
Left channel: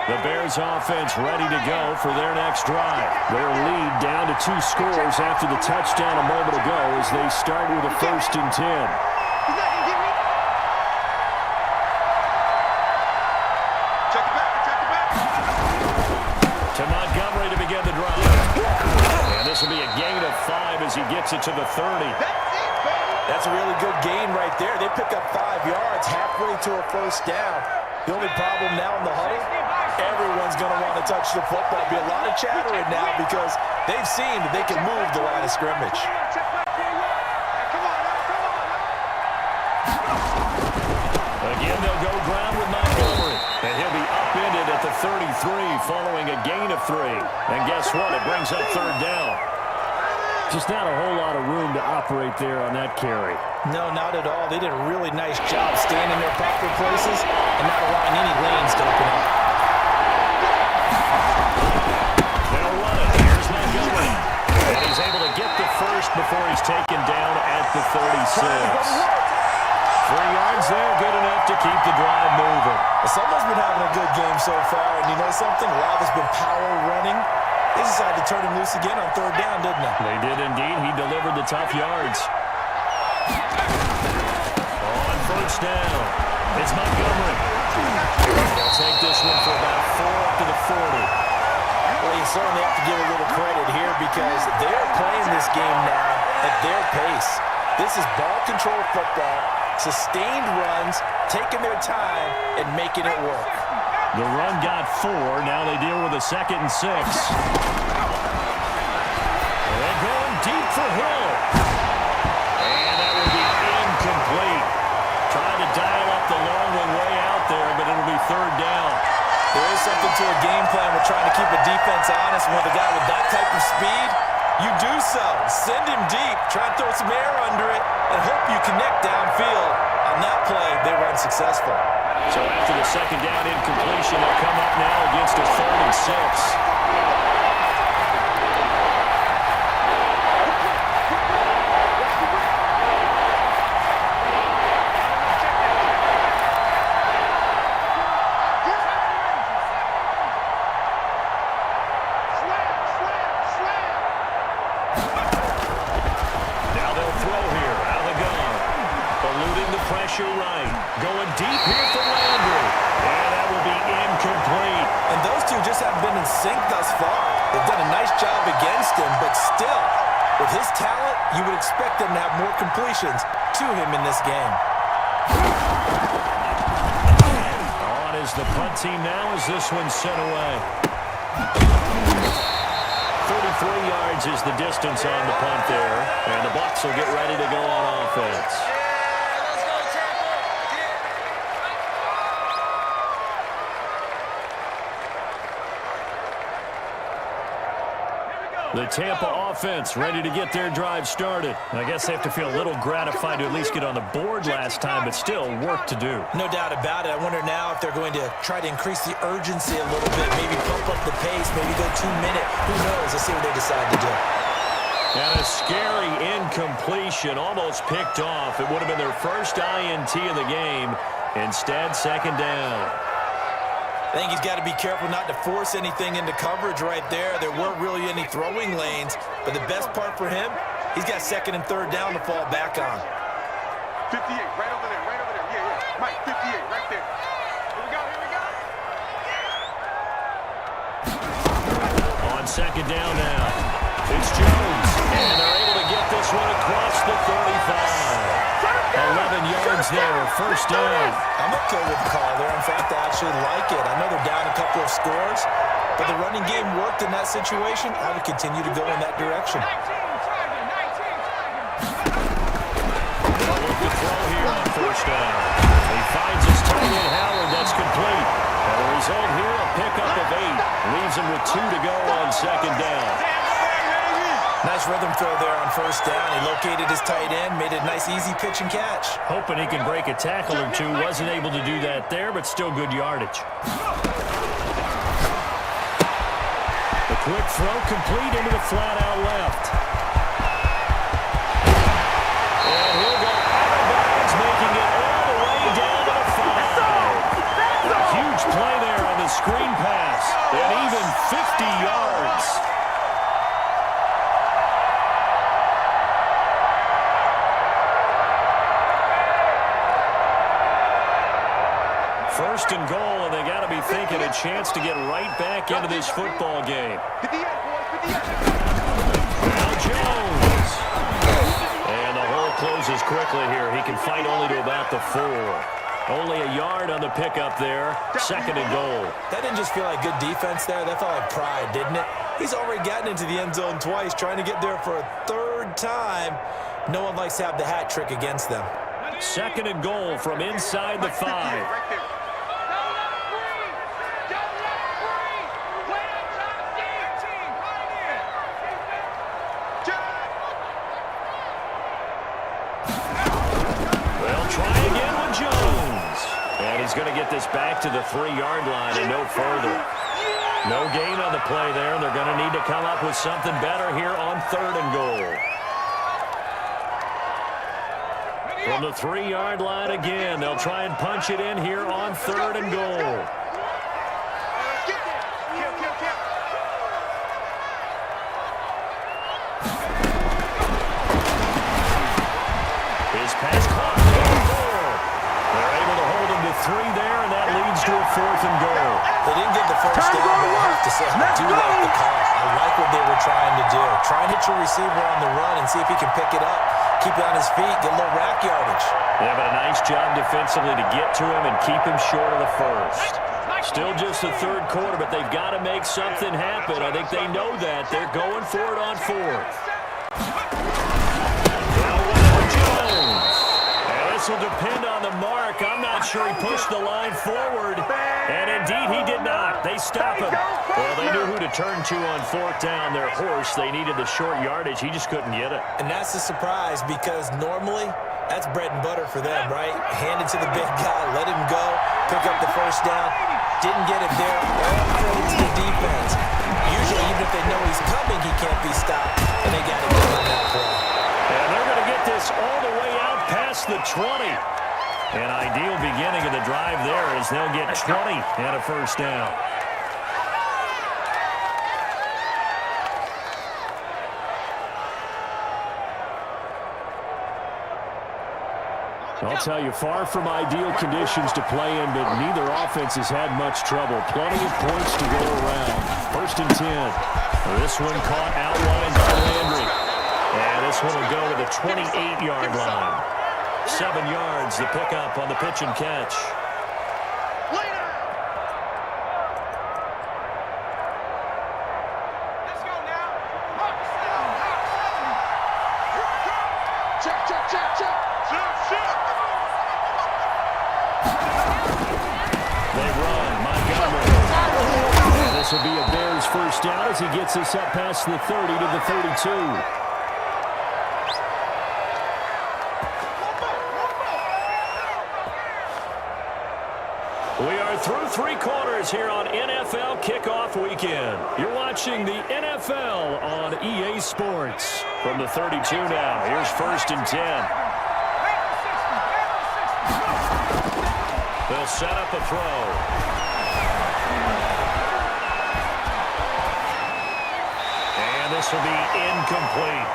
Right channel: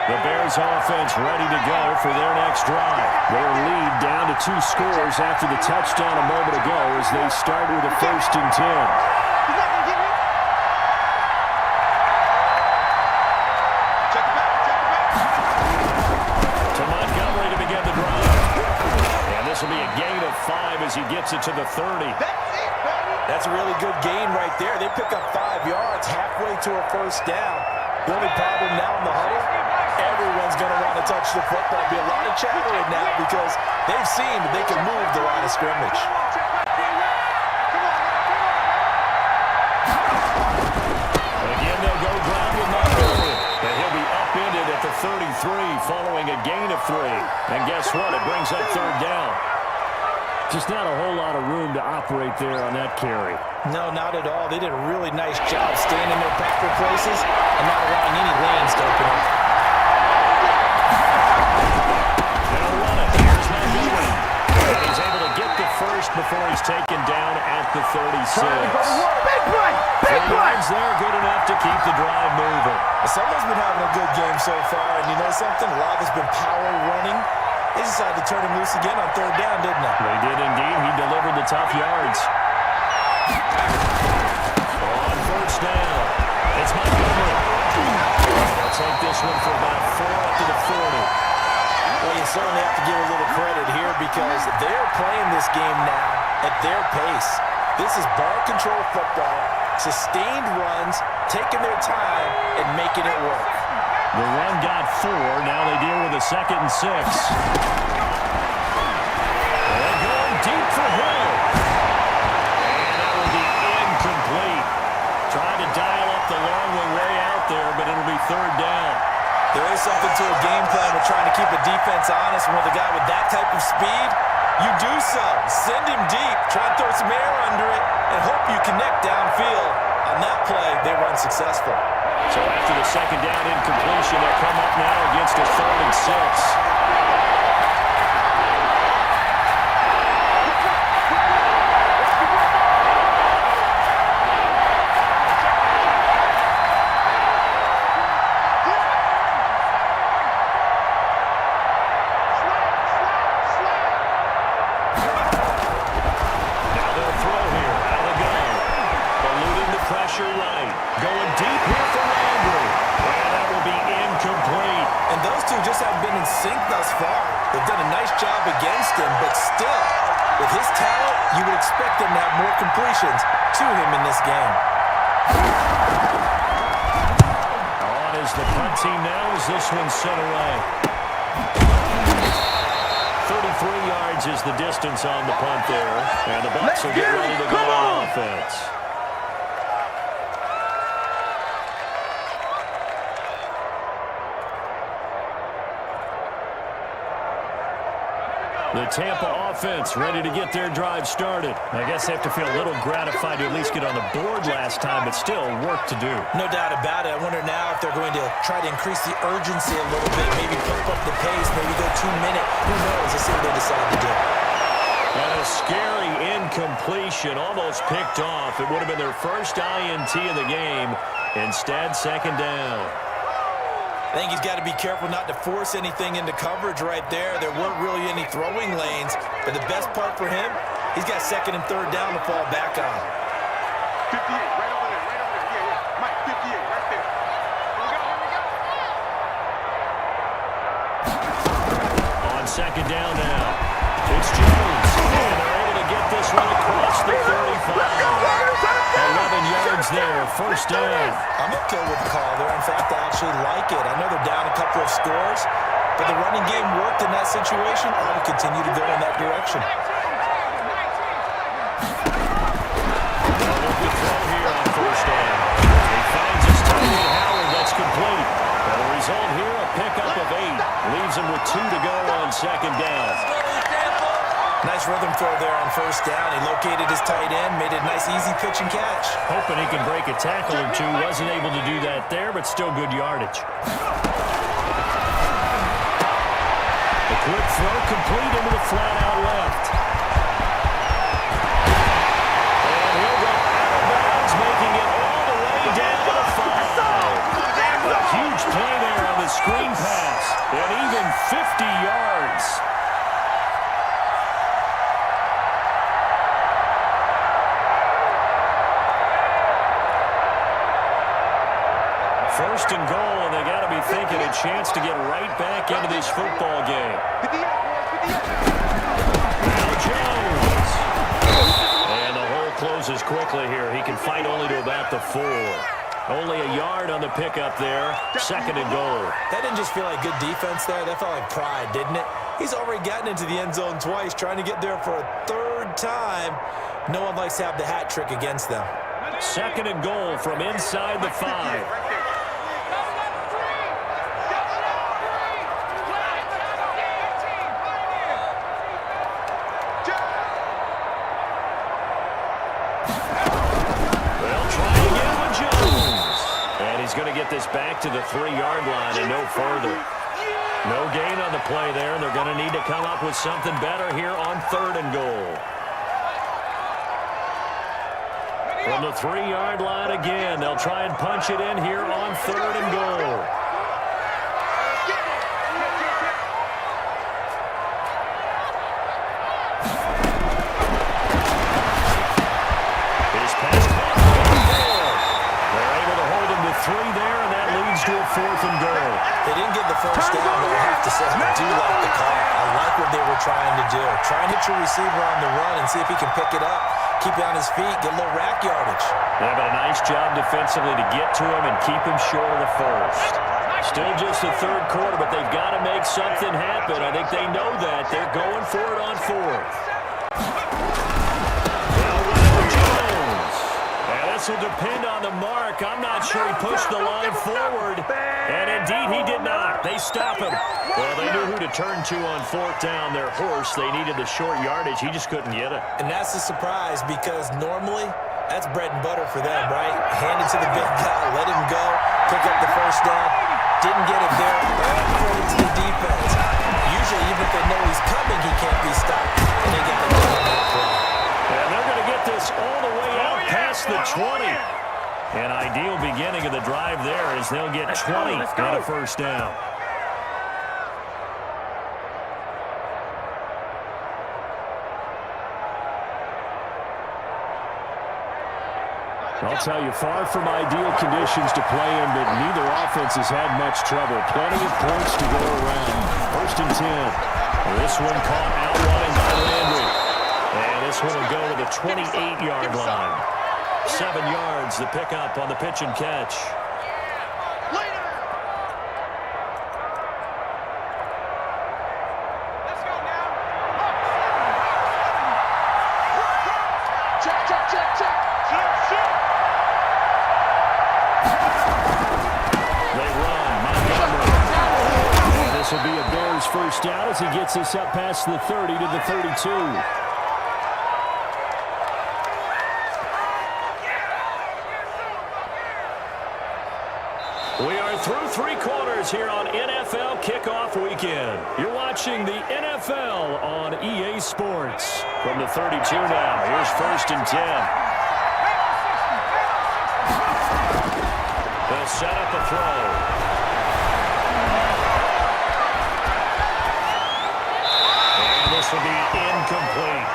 The Bears offense ready to go for their next drive. Their lead down to 2 scores after the touchdown a moment ago as they start with a 1st and 10. He's not going to get me. Check it back. To Montgomery to begin the drive. And this will be a gain of 5 as he gets it to the 30. That's it, baby. That's a really good gain right there. They pick up 5 yards halfway to a first down. The only problem now in the huddle, everyone's going to want to touch the football. There'll be a lot of chattering now because they've seen that they can move the line of scrimmage. Come on now. Again, they'll go ground with Montgomery. And he'll be upended at the 33 following a gain of 3. And guess what? It brings up third down. Just not a whole lot of room to operate there on that carry. No, not at all. They did a really nice job staying in their proper places and not allowing any lanes to open up. They'll run it. Here's Montgomery. And he's able to get the first before he's taken down at the 36. 3 yards there, good enough to keep the drive moving. Someone's been having a good game so far, and you know something? A lot of it's been power running. They decided to turn him loose again on third down, didn't they? They did indeed. He delivered the tough yards. On first down, it's Montgomery. They'll take this one for about 4 up to the 40. Well, you certainly have to give a little credit here because they're playing this game now at their pace. This is ball control football, sustained runs, taking their time, and making it work. The run got 4. Now they deal with a 2nd and 6. And they're going deep for Hill. And that will be incomplete. Tried to dial up the long one way out there, but it'll be third down. There is something to a game plan with trying to keep a defense honest. When with a guy with that type of speed, you do so. Send him deep, try and throw some air under it, and hope you connect downfield. On that play, they were unsuccessful. So after the 2nd down incompletion, they'll come up now against a 3rd and 6. Now they'll throw here out of the gun. Eluding the pressure right. Going deep here for Landry. And that will be incomplete. And those two just haven't been in sync thus far. They've done a nice job against him, but still, with his talent, you would expect them to have more completions to him in this game. On is the punt team now as this one's sent away. 33 yards is the distance on the punt there. And the Bucs will get ready to go on offense. The Tampa offense ready to get their drive started. I guess they have to feel a little gratified to at least get on the board last time, but still work to do. No doubt about it. I wonder now if they're going to try to increase the urgency a little bit, maybe pump up the pace, maybe go 2-minute. Who knows? Let's see what they decide to do. And a scary incompletion, almost picked off. It would have been their first INT of the game. Instead, second down. I think he's got to be careful not to force anything into coverage right there. There weren't really any throwing lanes, but the best part for him, he's got second and third down to fall back on. 58, right over there, right over there. Yeah, yeah. Mike, 58, right there. Here we go, here we go. On second down now, it's Jones, and they're able to get this one across the 35. 11 yards there, first down. I'm okay with the call there. In fact, I actually like it. I know they're down a couple of scores, but the running game worked in that situation. I would continue to go in that direction. They'll look to throw here on first down. He finds his tight end Howard. That's complete. And the result here, a pickup of 8. Leaves him with 2 to go on second down. Nice rhythm throw there on first down. He located his tight end, made it a nice, easy pitch and catch. Hoping he can break a tackle or two. Wasn't able to do that there, but still good yardage. A quick throw complete into the flat out left. And he'll go out of bounds, making it all the way down to the 5. A huge play there on the screen pass. And even 50 yards. First and goal, and they got to be thinking a chance to get right back into this football game. Now Jones. And the hole closes quickly here. He can fight only to about the 4. Only a yard on the pickup there. Second and goal. That didn't just feel like good defense there. That felt like pride, didn't it? He's already gotten into the end zone twice, trying to get there for a third time. No one likes to have the hat trick against them. Second and goal from inside the 5. He's going to get this back to the 3-yard line and no further. No gain on the play there, and they're going to need to come up with something better here on third and goal. From the 3-yard line again, they'll try and punch it in here on third and goal. His pass caught. They're able to hold him to 3 there, and that leads to a 4th and goal. They didn't get the first down, but I have to say, I do like the call. I like what they were trying to do. Try and hit your receiver on the run and see if he can pick it up. Keep it on his feet, get a little rack yardage. Yeah, but a nice job defensively to get to him and keep him short of the first. Still just the third quarter, but they've got to make something happen. I think they know that. They're going for it on 4th. This will depend on the mark. I'm not sure he pushed the line forward. And indeed, he did not. They stop him. Well, they knew who to turn to on 4th down. Their horse. They needed the short yardage. He just couldn't get it. And that's a surprise because normally that's bread and butter for them, right? Hand it to the big guy, let him go, pick up the first down. Didn't get it there. All credit to the defense. Usually, even if they know he's coming, he can't be stopped. And they got to go on that play. And they're going to get this all the way out past the 20. An ideal beginning of the drive there as they'll get 20 and a first down. I'll tell you, far from ideal conditions to play in, but neither offense has had much trouble. Plenty of points to go around. First and 10. This one caught out wide by Landry. And this one will go to the 28-yard line. 7 yards, the pickup on the pitch and catch. Let's go now. Hawk 7. Check. Check. They run. Montgomery. And this This will be a Bears first down as he gets us up past the 30 to the 32. We are through three quarters here on NFL Kickoff Weekend. You're watching the NFL on EA Sports. From the 32 now, here's 1st and 10. They'll set up a throw. And this will be incomplete.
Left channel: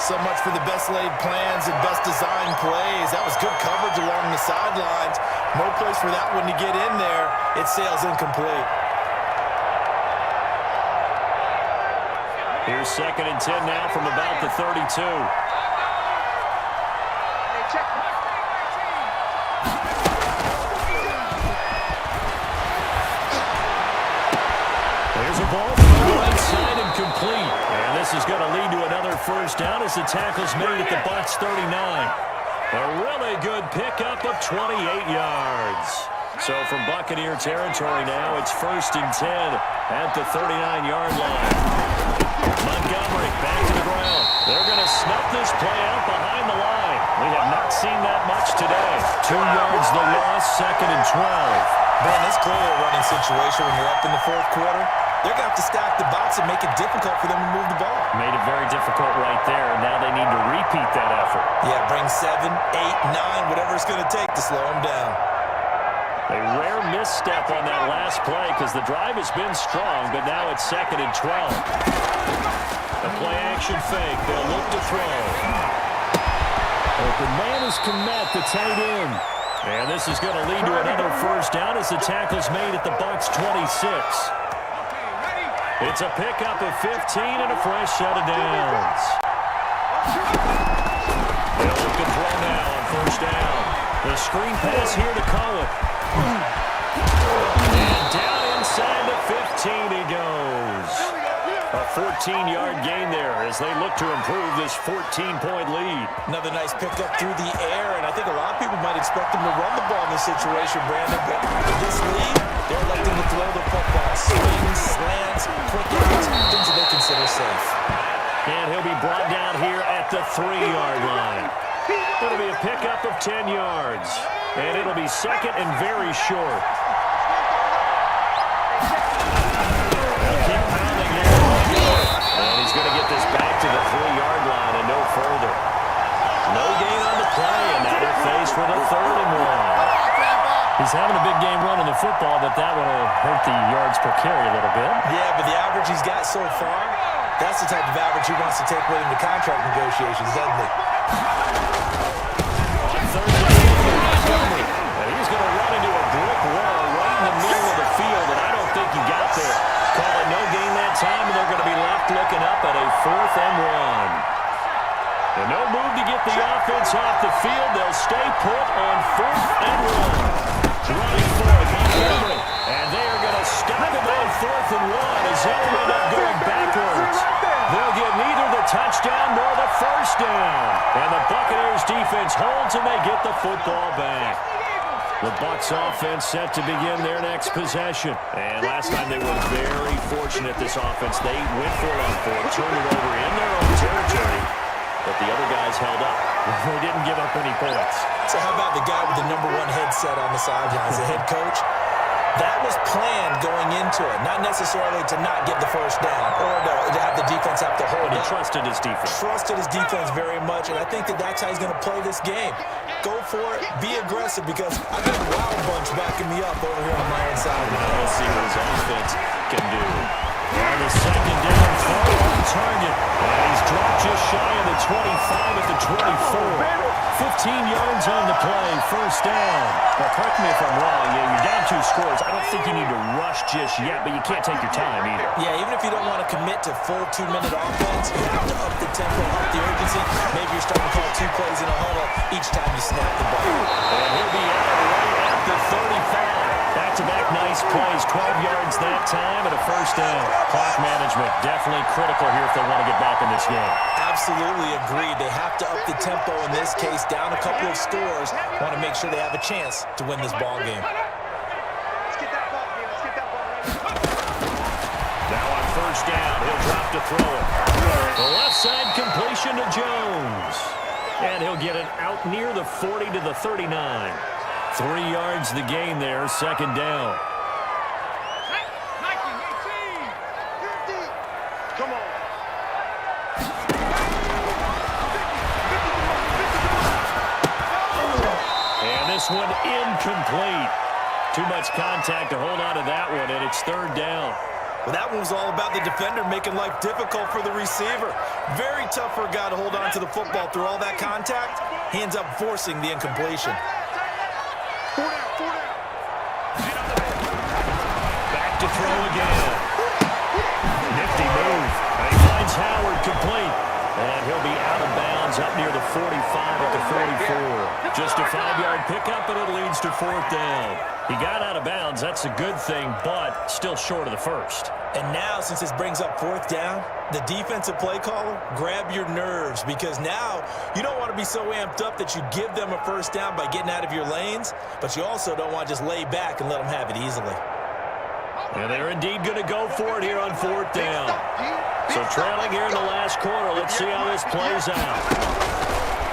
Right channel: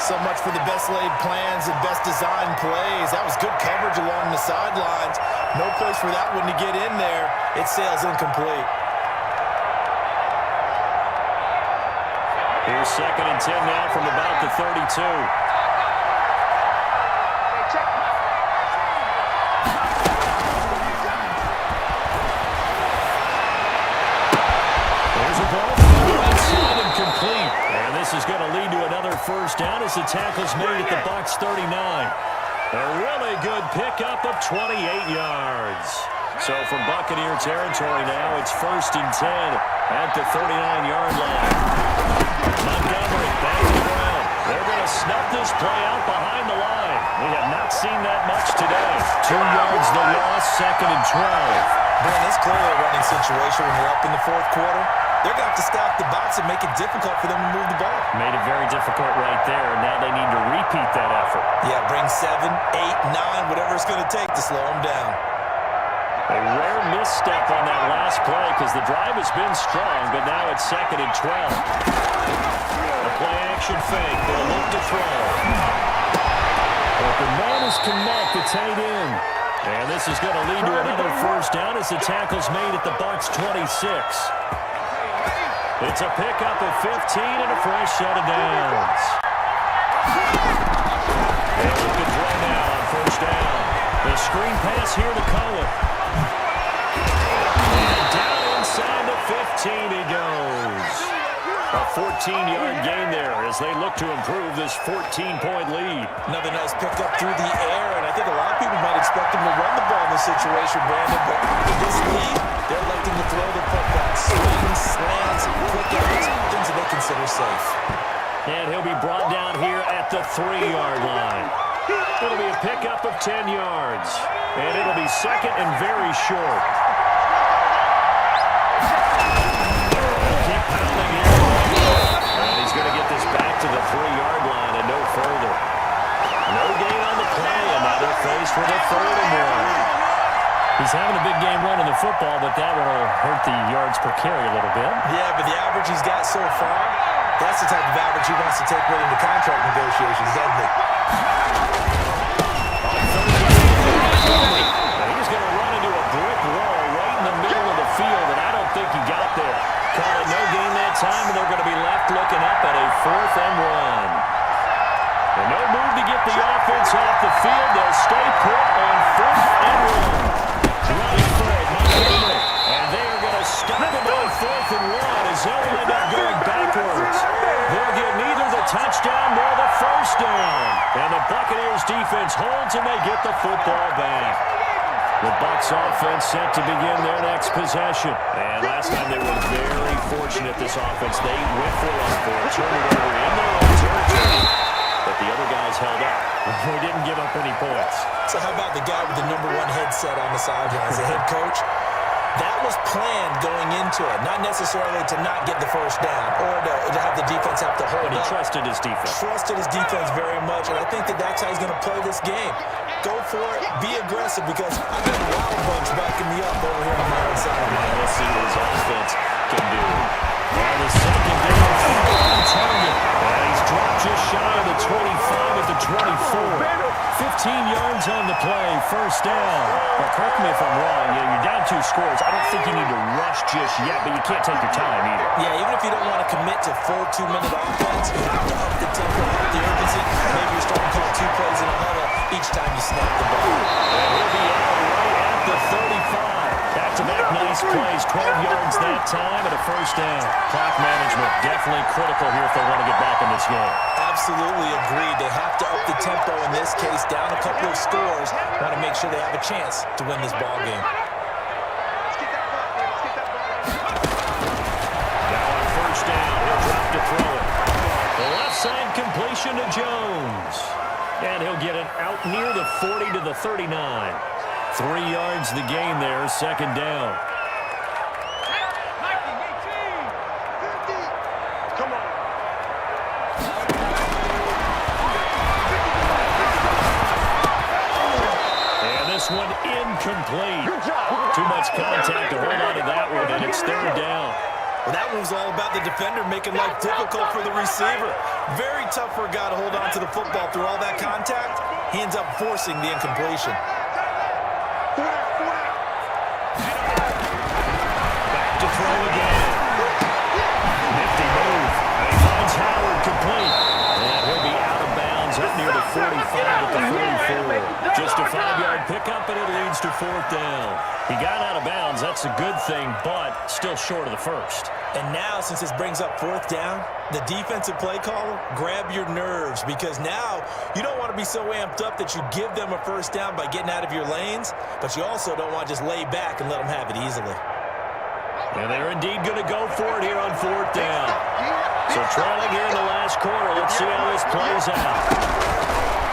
So much for the best laid plans and best designed plays. That was good coverage along the sidelines. No place for that one to get in there. It sails incomplete. Here's 2nd and 10 now from about the 32. There's a ball from the right side and complete. And this is going to lead to another first down as the tackle's made at the Bucs 39. A really good pickup of 28 yards. So from Buccaneer territory now, it's 1st and 10 at the 39-yard line. Montgomery back to the ground. They're going to snuff this play out behind the line. We have not seen that much today. 2 yards the loss, 2nd and 12. Ben, it's clearly a running situation when you're up in the 4th quarter. They're going to have to stack the box and make it difficult for them to move the ball. Made it very difficult right there, and now they need to repeat that effort. Yeah, bring 7, 8, 9, whatever it's going to take to slow them down. A rare misstep on that last play because the drive has been strong, but now it's 2nd and 12. A play-action fake. They'll look to throw. Open man is Kmet, the tight end. And this is going to lead to another first down as the tackle's made at the Bucs 26. It's a pickup of 15 and a fresh set of downs. They'll look to throw now on first down. The screen pass here to Cohen. And down inside the 15 he goes. A 14-yard gain there as they look to improve this 14-point lead. Another nice pickup through the air, and I think a lot of people might expect them to run the ball in this situation, Brandon, but with this lead, they're electing to throw the football. Swings, slants, quick outs, things that they consider safe. And he'll be brought down here at the 3-yard line. It'll be a pickup of 10 yards, and it'll be 2nd and very short. They'll keep pounding here. And he's going to get this back to the 3-yard line and no further. No gain on the play, and now they're faced with a 3rd and 1. He's having a big game running the football, but that one will hurt the yards per carry a little bit. Yeah, but the average he's got so far, that's the type of average he wants to take with him to contract negotiations, doesn't he? On 3rd down, and he's going to run into a brick wall right in the middle of the field, and I don't think he got there. Call it no gain that time, and they're going to be left looking up at a 4th and 1. And no move to get the offense off the field. They'll stay put on 4th and 1. Running for it, Montgomery. And they are going to stop him on 4th and 1 as they'll end up going backwards. They'll get neither the touchdown nor the first down. And the Buccaneers defense holds and they get the football back. The Bucs offense set to begin their next possession. And last time they were very fortunate, this offense. They went for it on 4th, turned it over in their own territory. But the other guys held up. They didn't give up any points. So how about the guy with the #1 headset on the sidelines, the head coach? That was planned going into it, not necessarily to not get the first down or to have the defense have to hold But he up. trusted his defense. Trusted his defense very much, and I think that that's how he's going to play this game. Go for it, be aggressive, because I've got a wild bunch backing me up over here on my own side of the line. We'll see what his offense can do. And the 2nd down throw on target. And he's dropped just shy of the 25 at the 24. 15 yards on the play, first down. But correct me if I'm wrong, you're down 2 scores. I don't think you need to rush just yet, but you can't take your time either. Yeah, even if you don't want to commit to full 2-minute offense, you have to up the tempo, up the urgency. Maybe you're starting to call 2 plays in a huddle each time you snap the ball. And he'll be out right at the 35. Back-to-back nice plays, 12 yards that time and a first down. Clock management definitely critical here if they want to get back in this game. Absolutely agreed. They have to up the tempo in this case, down a couple of scores. Want to make sure they have a chance to win this ball game. Let's get that ball, man. Let's get that ball right now. first down. He'll drop to throw it. The left side completion to Jones. And he'll get it out near the 40 to the 39. 3 yards the gain there, second down. Come on. And this one incomplete. Too much contact to hold on to that one, and it's third down. Well, that one was all about the defender making life difficult for the receiver. Very tough for a guy to hold on to the football through all that contact. He ends up forcing the incompletion. Back to throw again. Nifty move. And he finds Howard complete. And he'll be out of bounds up near the 45 at the 44. Just a 5-yard pickup, and it leads to fourth down. He got out of bounds. That's a good thing, but still short of the first. And now, since this brings up fourth down, the defensive play caller, grab your nerves, because now you don't want to be so amped up that you give them a first down by getting out of your lanes, but you also don't want to just lay back and let them have it easily. And they're indeed going to go for it here on fourth down. So trailing here in the last quarter, let's see how this plays out.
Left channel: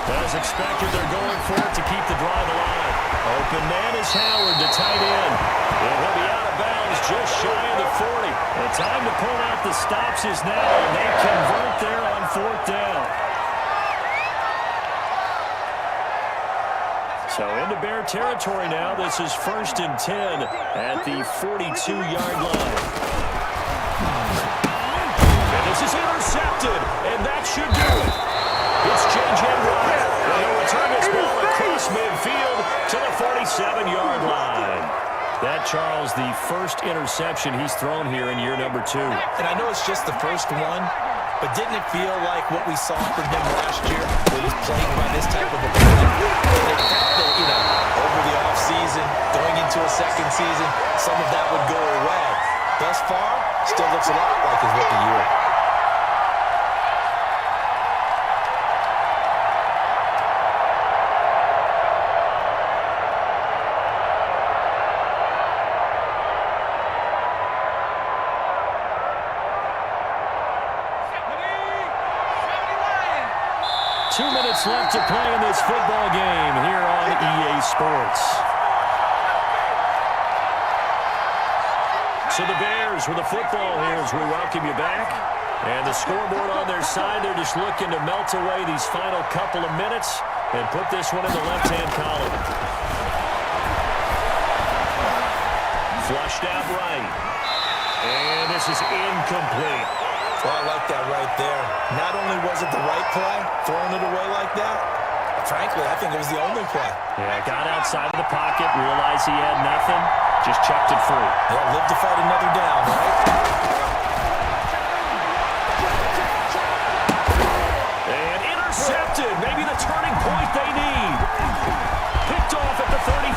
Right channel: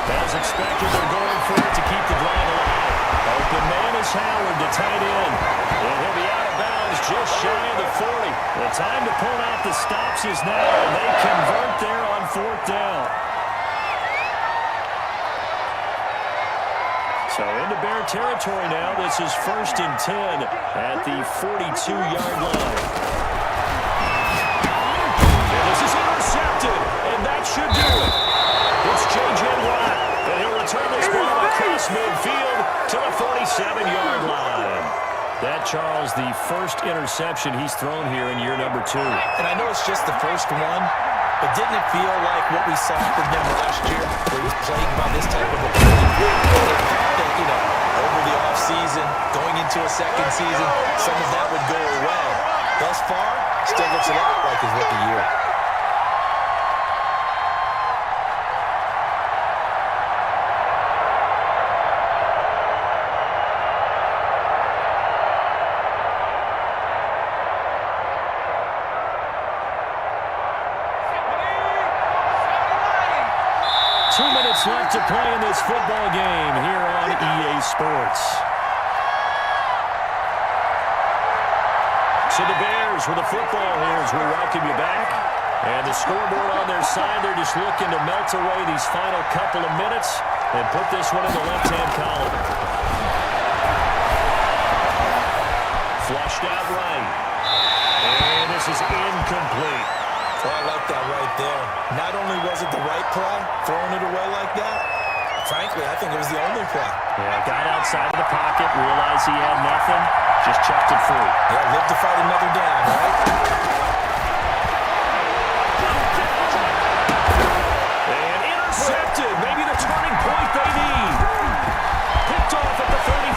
As expected, they're going for it to keep the drive alive. Open man is Howard, the tight end. And he'll be out of bounds just shy of the 40. The time to pull out the stops is now, and they convert there on fourth down. So into Bear territory now. This is 1st and 10 at the 42-yard line. And this is intercepted, and that should do it. It's J.J. Watt, and he'll return this ball across midfield to the 47-yard line. That, Charles, the first interception he's thrown here in year number 2. And I know it's just the first one, but didn't it feel like what we saw from him last year, where he was plagued by this type of opponent? The fact that, over the offseason, going into a second season, some of that would go away. Thus far, still looks a lot like his rookie year. Left to play in this football game here on EA Sports. So the Bears with the football here as we welcome you back. And the scoreboard on their side, they're just looking to melt away these final couple of minutes and put this one in the left-hand column. Flushed out right. And this is incomplete. Well, I like that right there. Not only was it the right play, throwing it away like that, frankly, I think it was the only play. Yeah, got outside of the pocket, realized he had nothing, just chucked it free. Yeah, live to fight another down, right? And intercepted. Maybe the turning point they need. Picked off at the 35.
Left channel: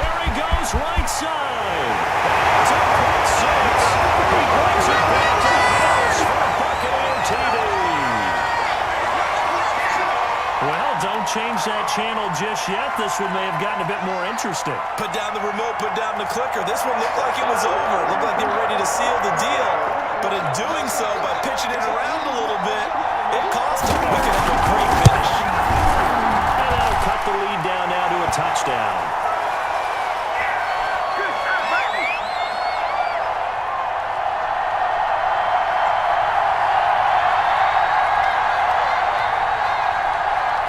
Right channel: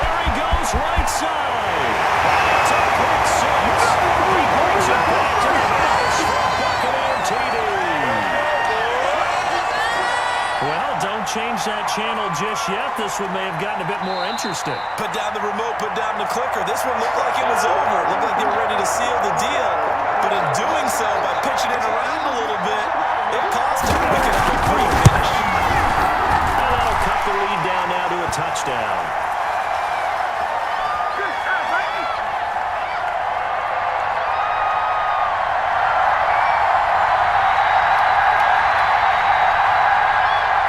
There he goes, right side. And it's a pick six. He brings it back to the house for a Buccaneer TD. Well, don't change that channel just yet. This one may have gotten a bit more interesting. Put down the remote, put down the clicker. This one looked like it was over. It looked like they were ready to seal the deal. But in doing so, by pitching it around a little bit, it cost him. We could have a great finish. And that'll cut the lead down now to a touchdown.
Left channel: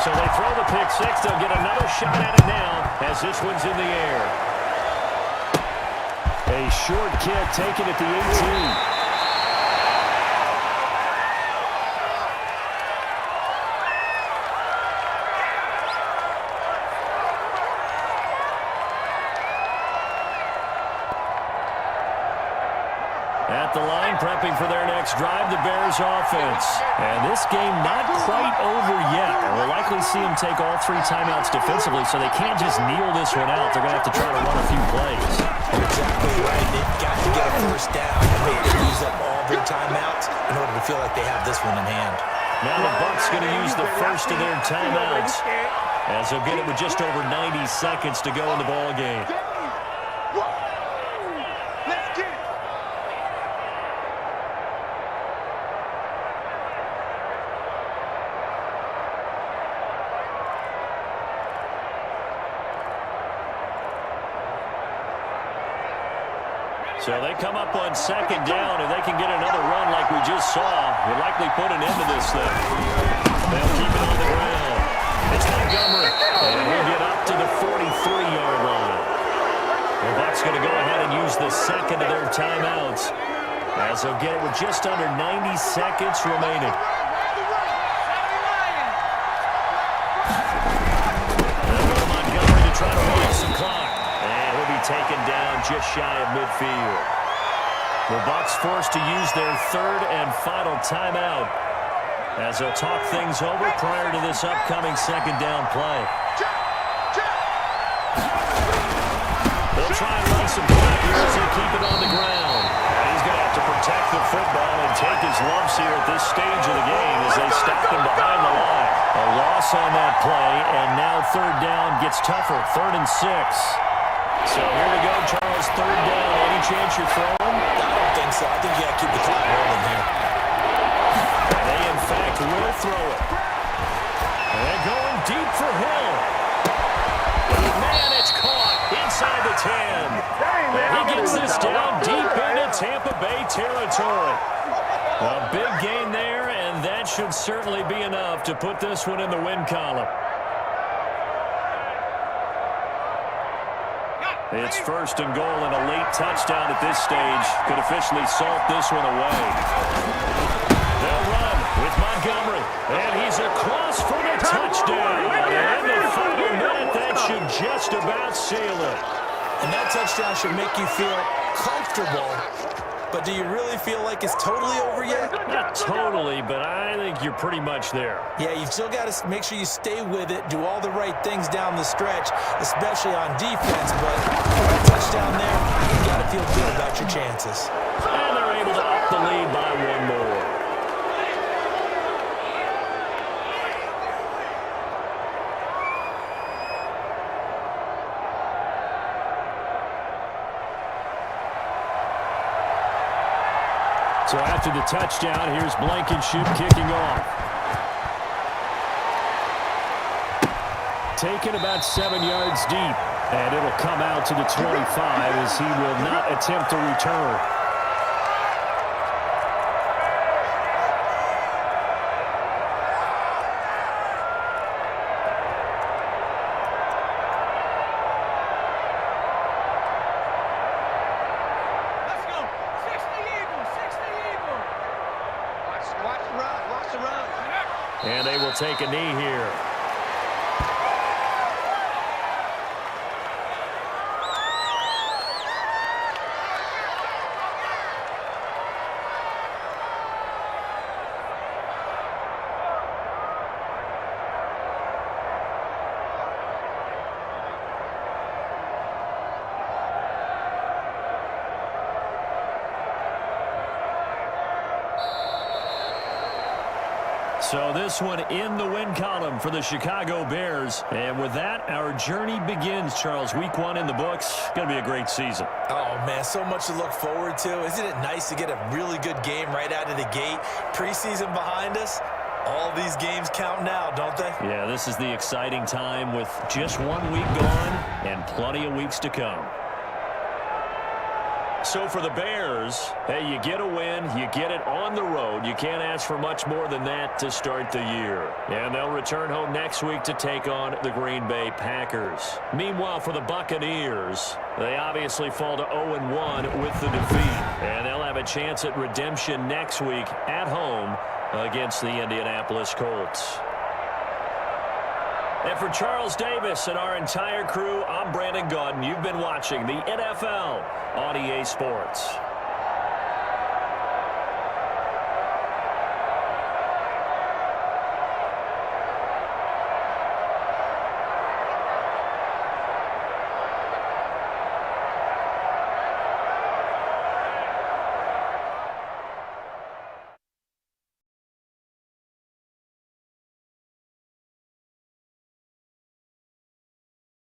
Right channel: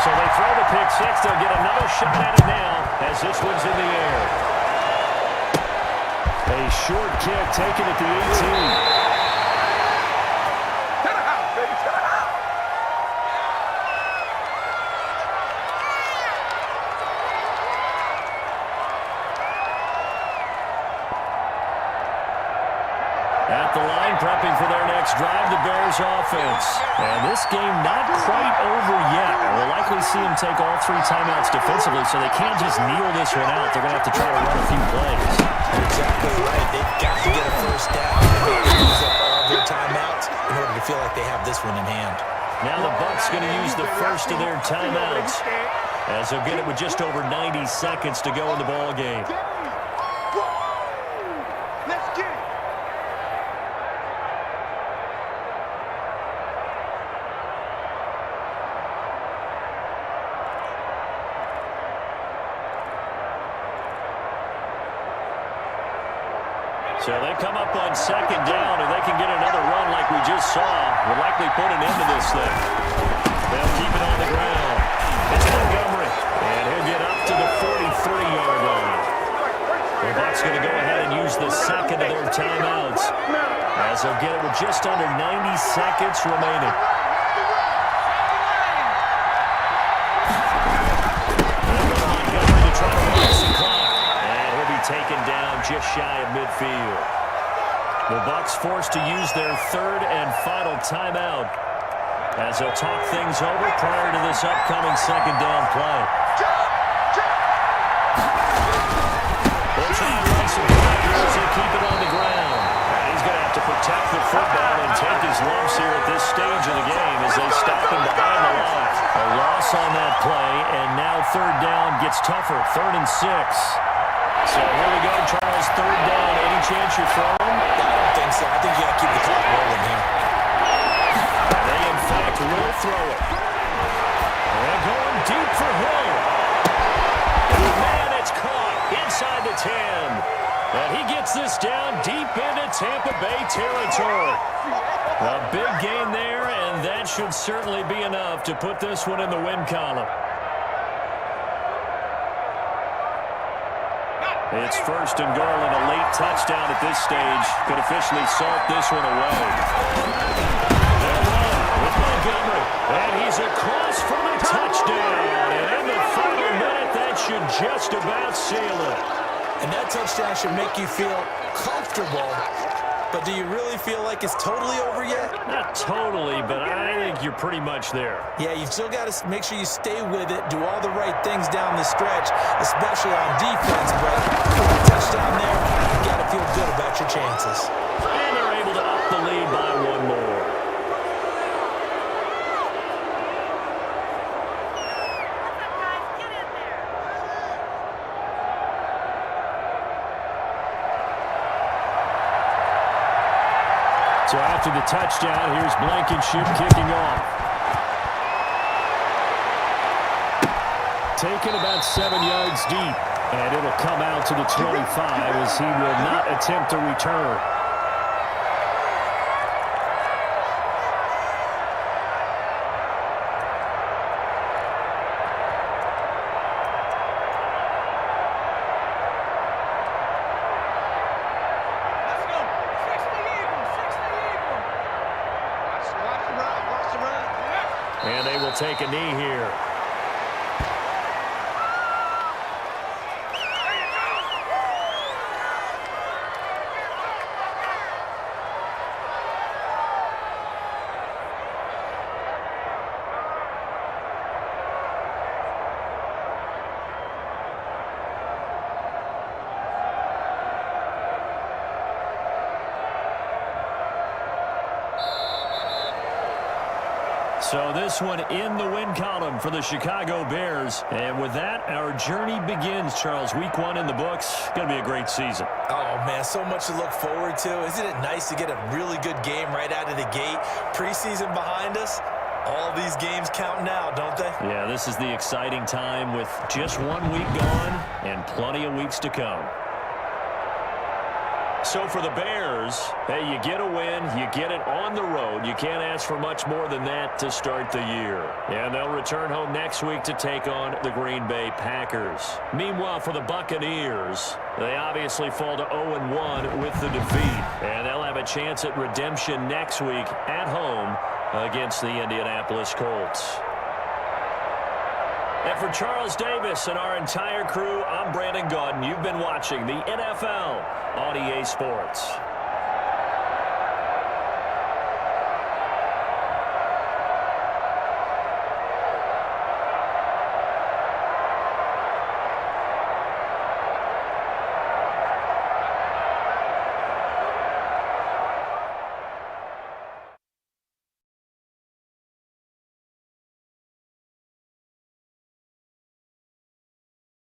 So they throw the pick six. They'll get another shot at it now as this one's in the air. A short kick taken at the 18. At the line, prepping for their next drive, the Bears offense. And this game not quite over yet. And we'll likely see them take all 3 timeouts defensively, so they can't just kneel this one out. They're going to have to try to run a few plays. You're exactly right. They've got to get a first down and maybe use up all their timeouts in order to feel like they have this one in hand. Now the Bucs going to use the first of their timeouts, as they'll get it with just over 90 seconds to go in the ball game. Let's get it. So they come up on second down, and they can get another run like we just saw. Would likely put an end to this thing. They'll keep it on the ground. It's Montgomery, and he'll get up to the 43-yard line. The Bucs going to go ahead and use the second of their timeouts, as they'll get it with just under 90 seconds remaining. They'll go to Montgomery to try to waste the clock, and he'll be taken down just shy of midfield. The Bucs forced to use their third and final timeout, as they'll talk things over prior to this upcoming second down play. They'll try and run some clock here as they keep it on the ground. And he's going to have to protect the football and take his lumps here at this stage of the game as they stop him behind the line. A loss on that play, and now third down gets tougher. 3rd and 6. So here we go, Charles, third down. Any chance you're throwing? I don't think so. I think you got to keep the clock rolling here. They, in fact, will throw it. And going deep for Hill. Man, it's caught inside the 10. And he gets this down deep into Tampa Bay territory. A big gain there, and that should certainly be enough to put this one in the win column. It's 1st and goal, and a late touchdown at this stage could officially salt this one away. They'll run with Montgomery, and he's across for the touchdown. And in the final minute, that should just about seal it. And that touchdown should make you feel comfortable. But do you really feel like it's totally over yet? Not totally, but I think you're pretty much there. Yeah, you've still got to make sure you stay with it, do all the right things down the stretch, especially on defense. But with a touchdown there, you got to feel good about your chances. And they're able to up the lead by one more. So after the touchdown, here's Blankenship kicking off. Taken about 7 yards deep, and it'll come out to the 25 as he will not attempt to return. And they will take a knee here. So this one in the win column for the Chicago Bears. And with that, our journey begins, Charles. Week 1 in the books. Going to be a great season. Oh, man, so much to look forward to. Isn't it nice to get a really good game right out of the gate? Preseason behind us. All these games count now, don't they? Yeah, this is the exciting time with just 1 week gone and plenty of weeks to come. So for the Bears, hey, you get a win, you get it on the road. You can't ask for much more than that to start the year. And they'll return home next week to take on the Green Bay Packers. Meanwhile, for the Buccaneers, they obviously fall to 0-1 with the defeat. And they'll have a chance at redemption next week at home against the Indianapolis Colts. And for Charles Davis and our entire crew, I'm Brandon Gaudin. You've been watching the NFL on EA Sports.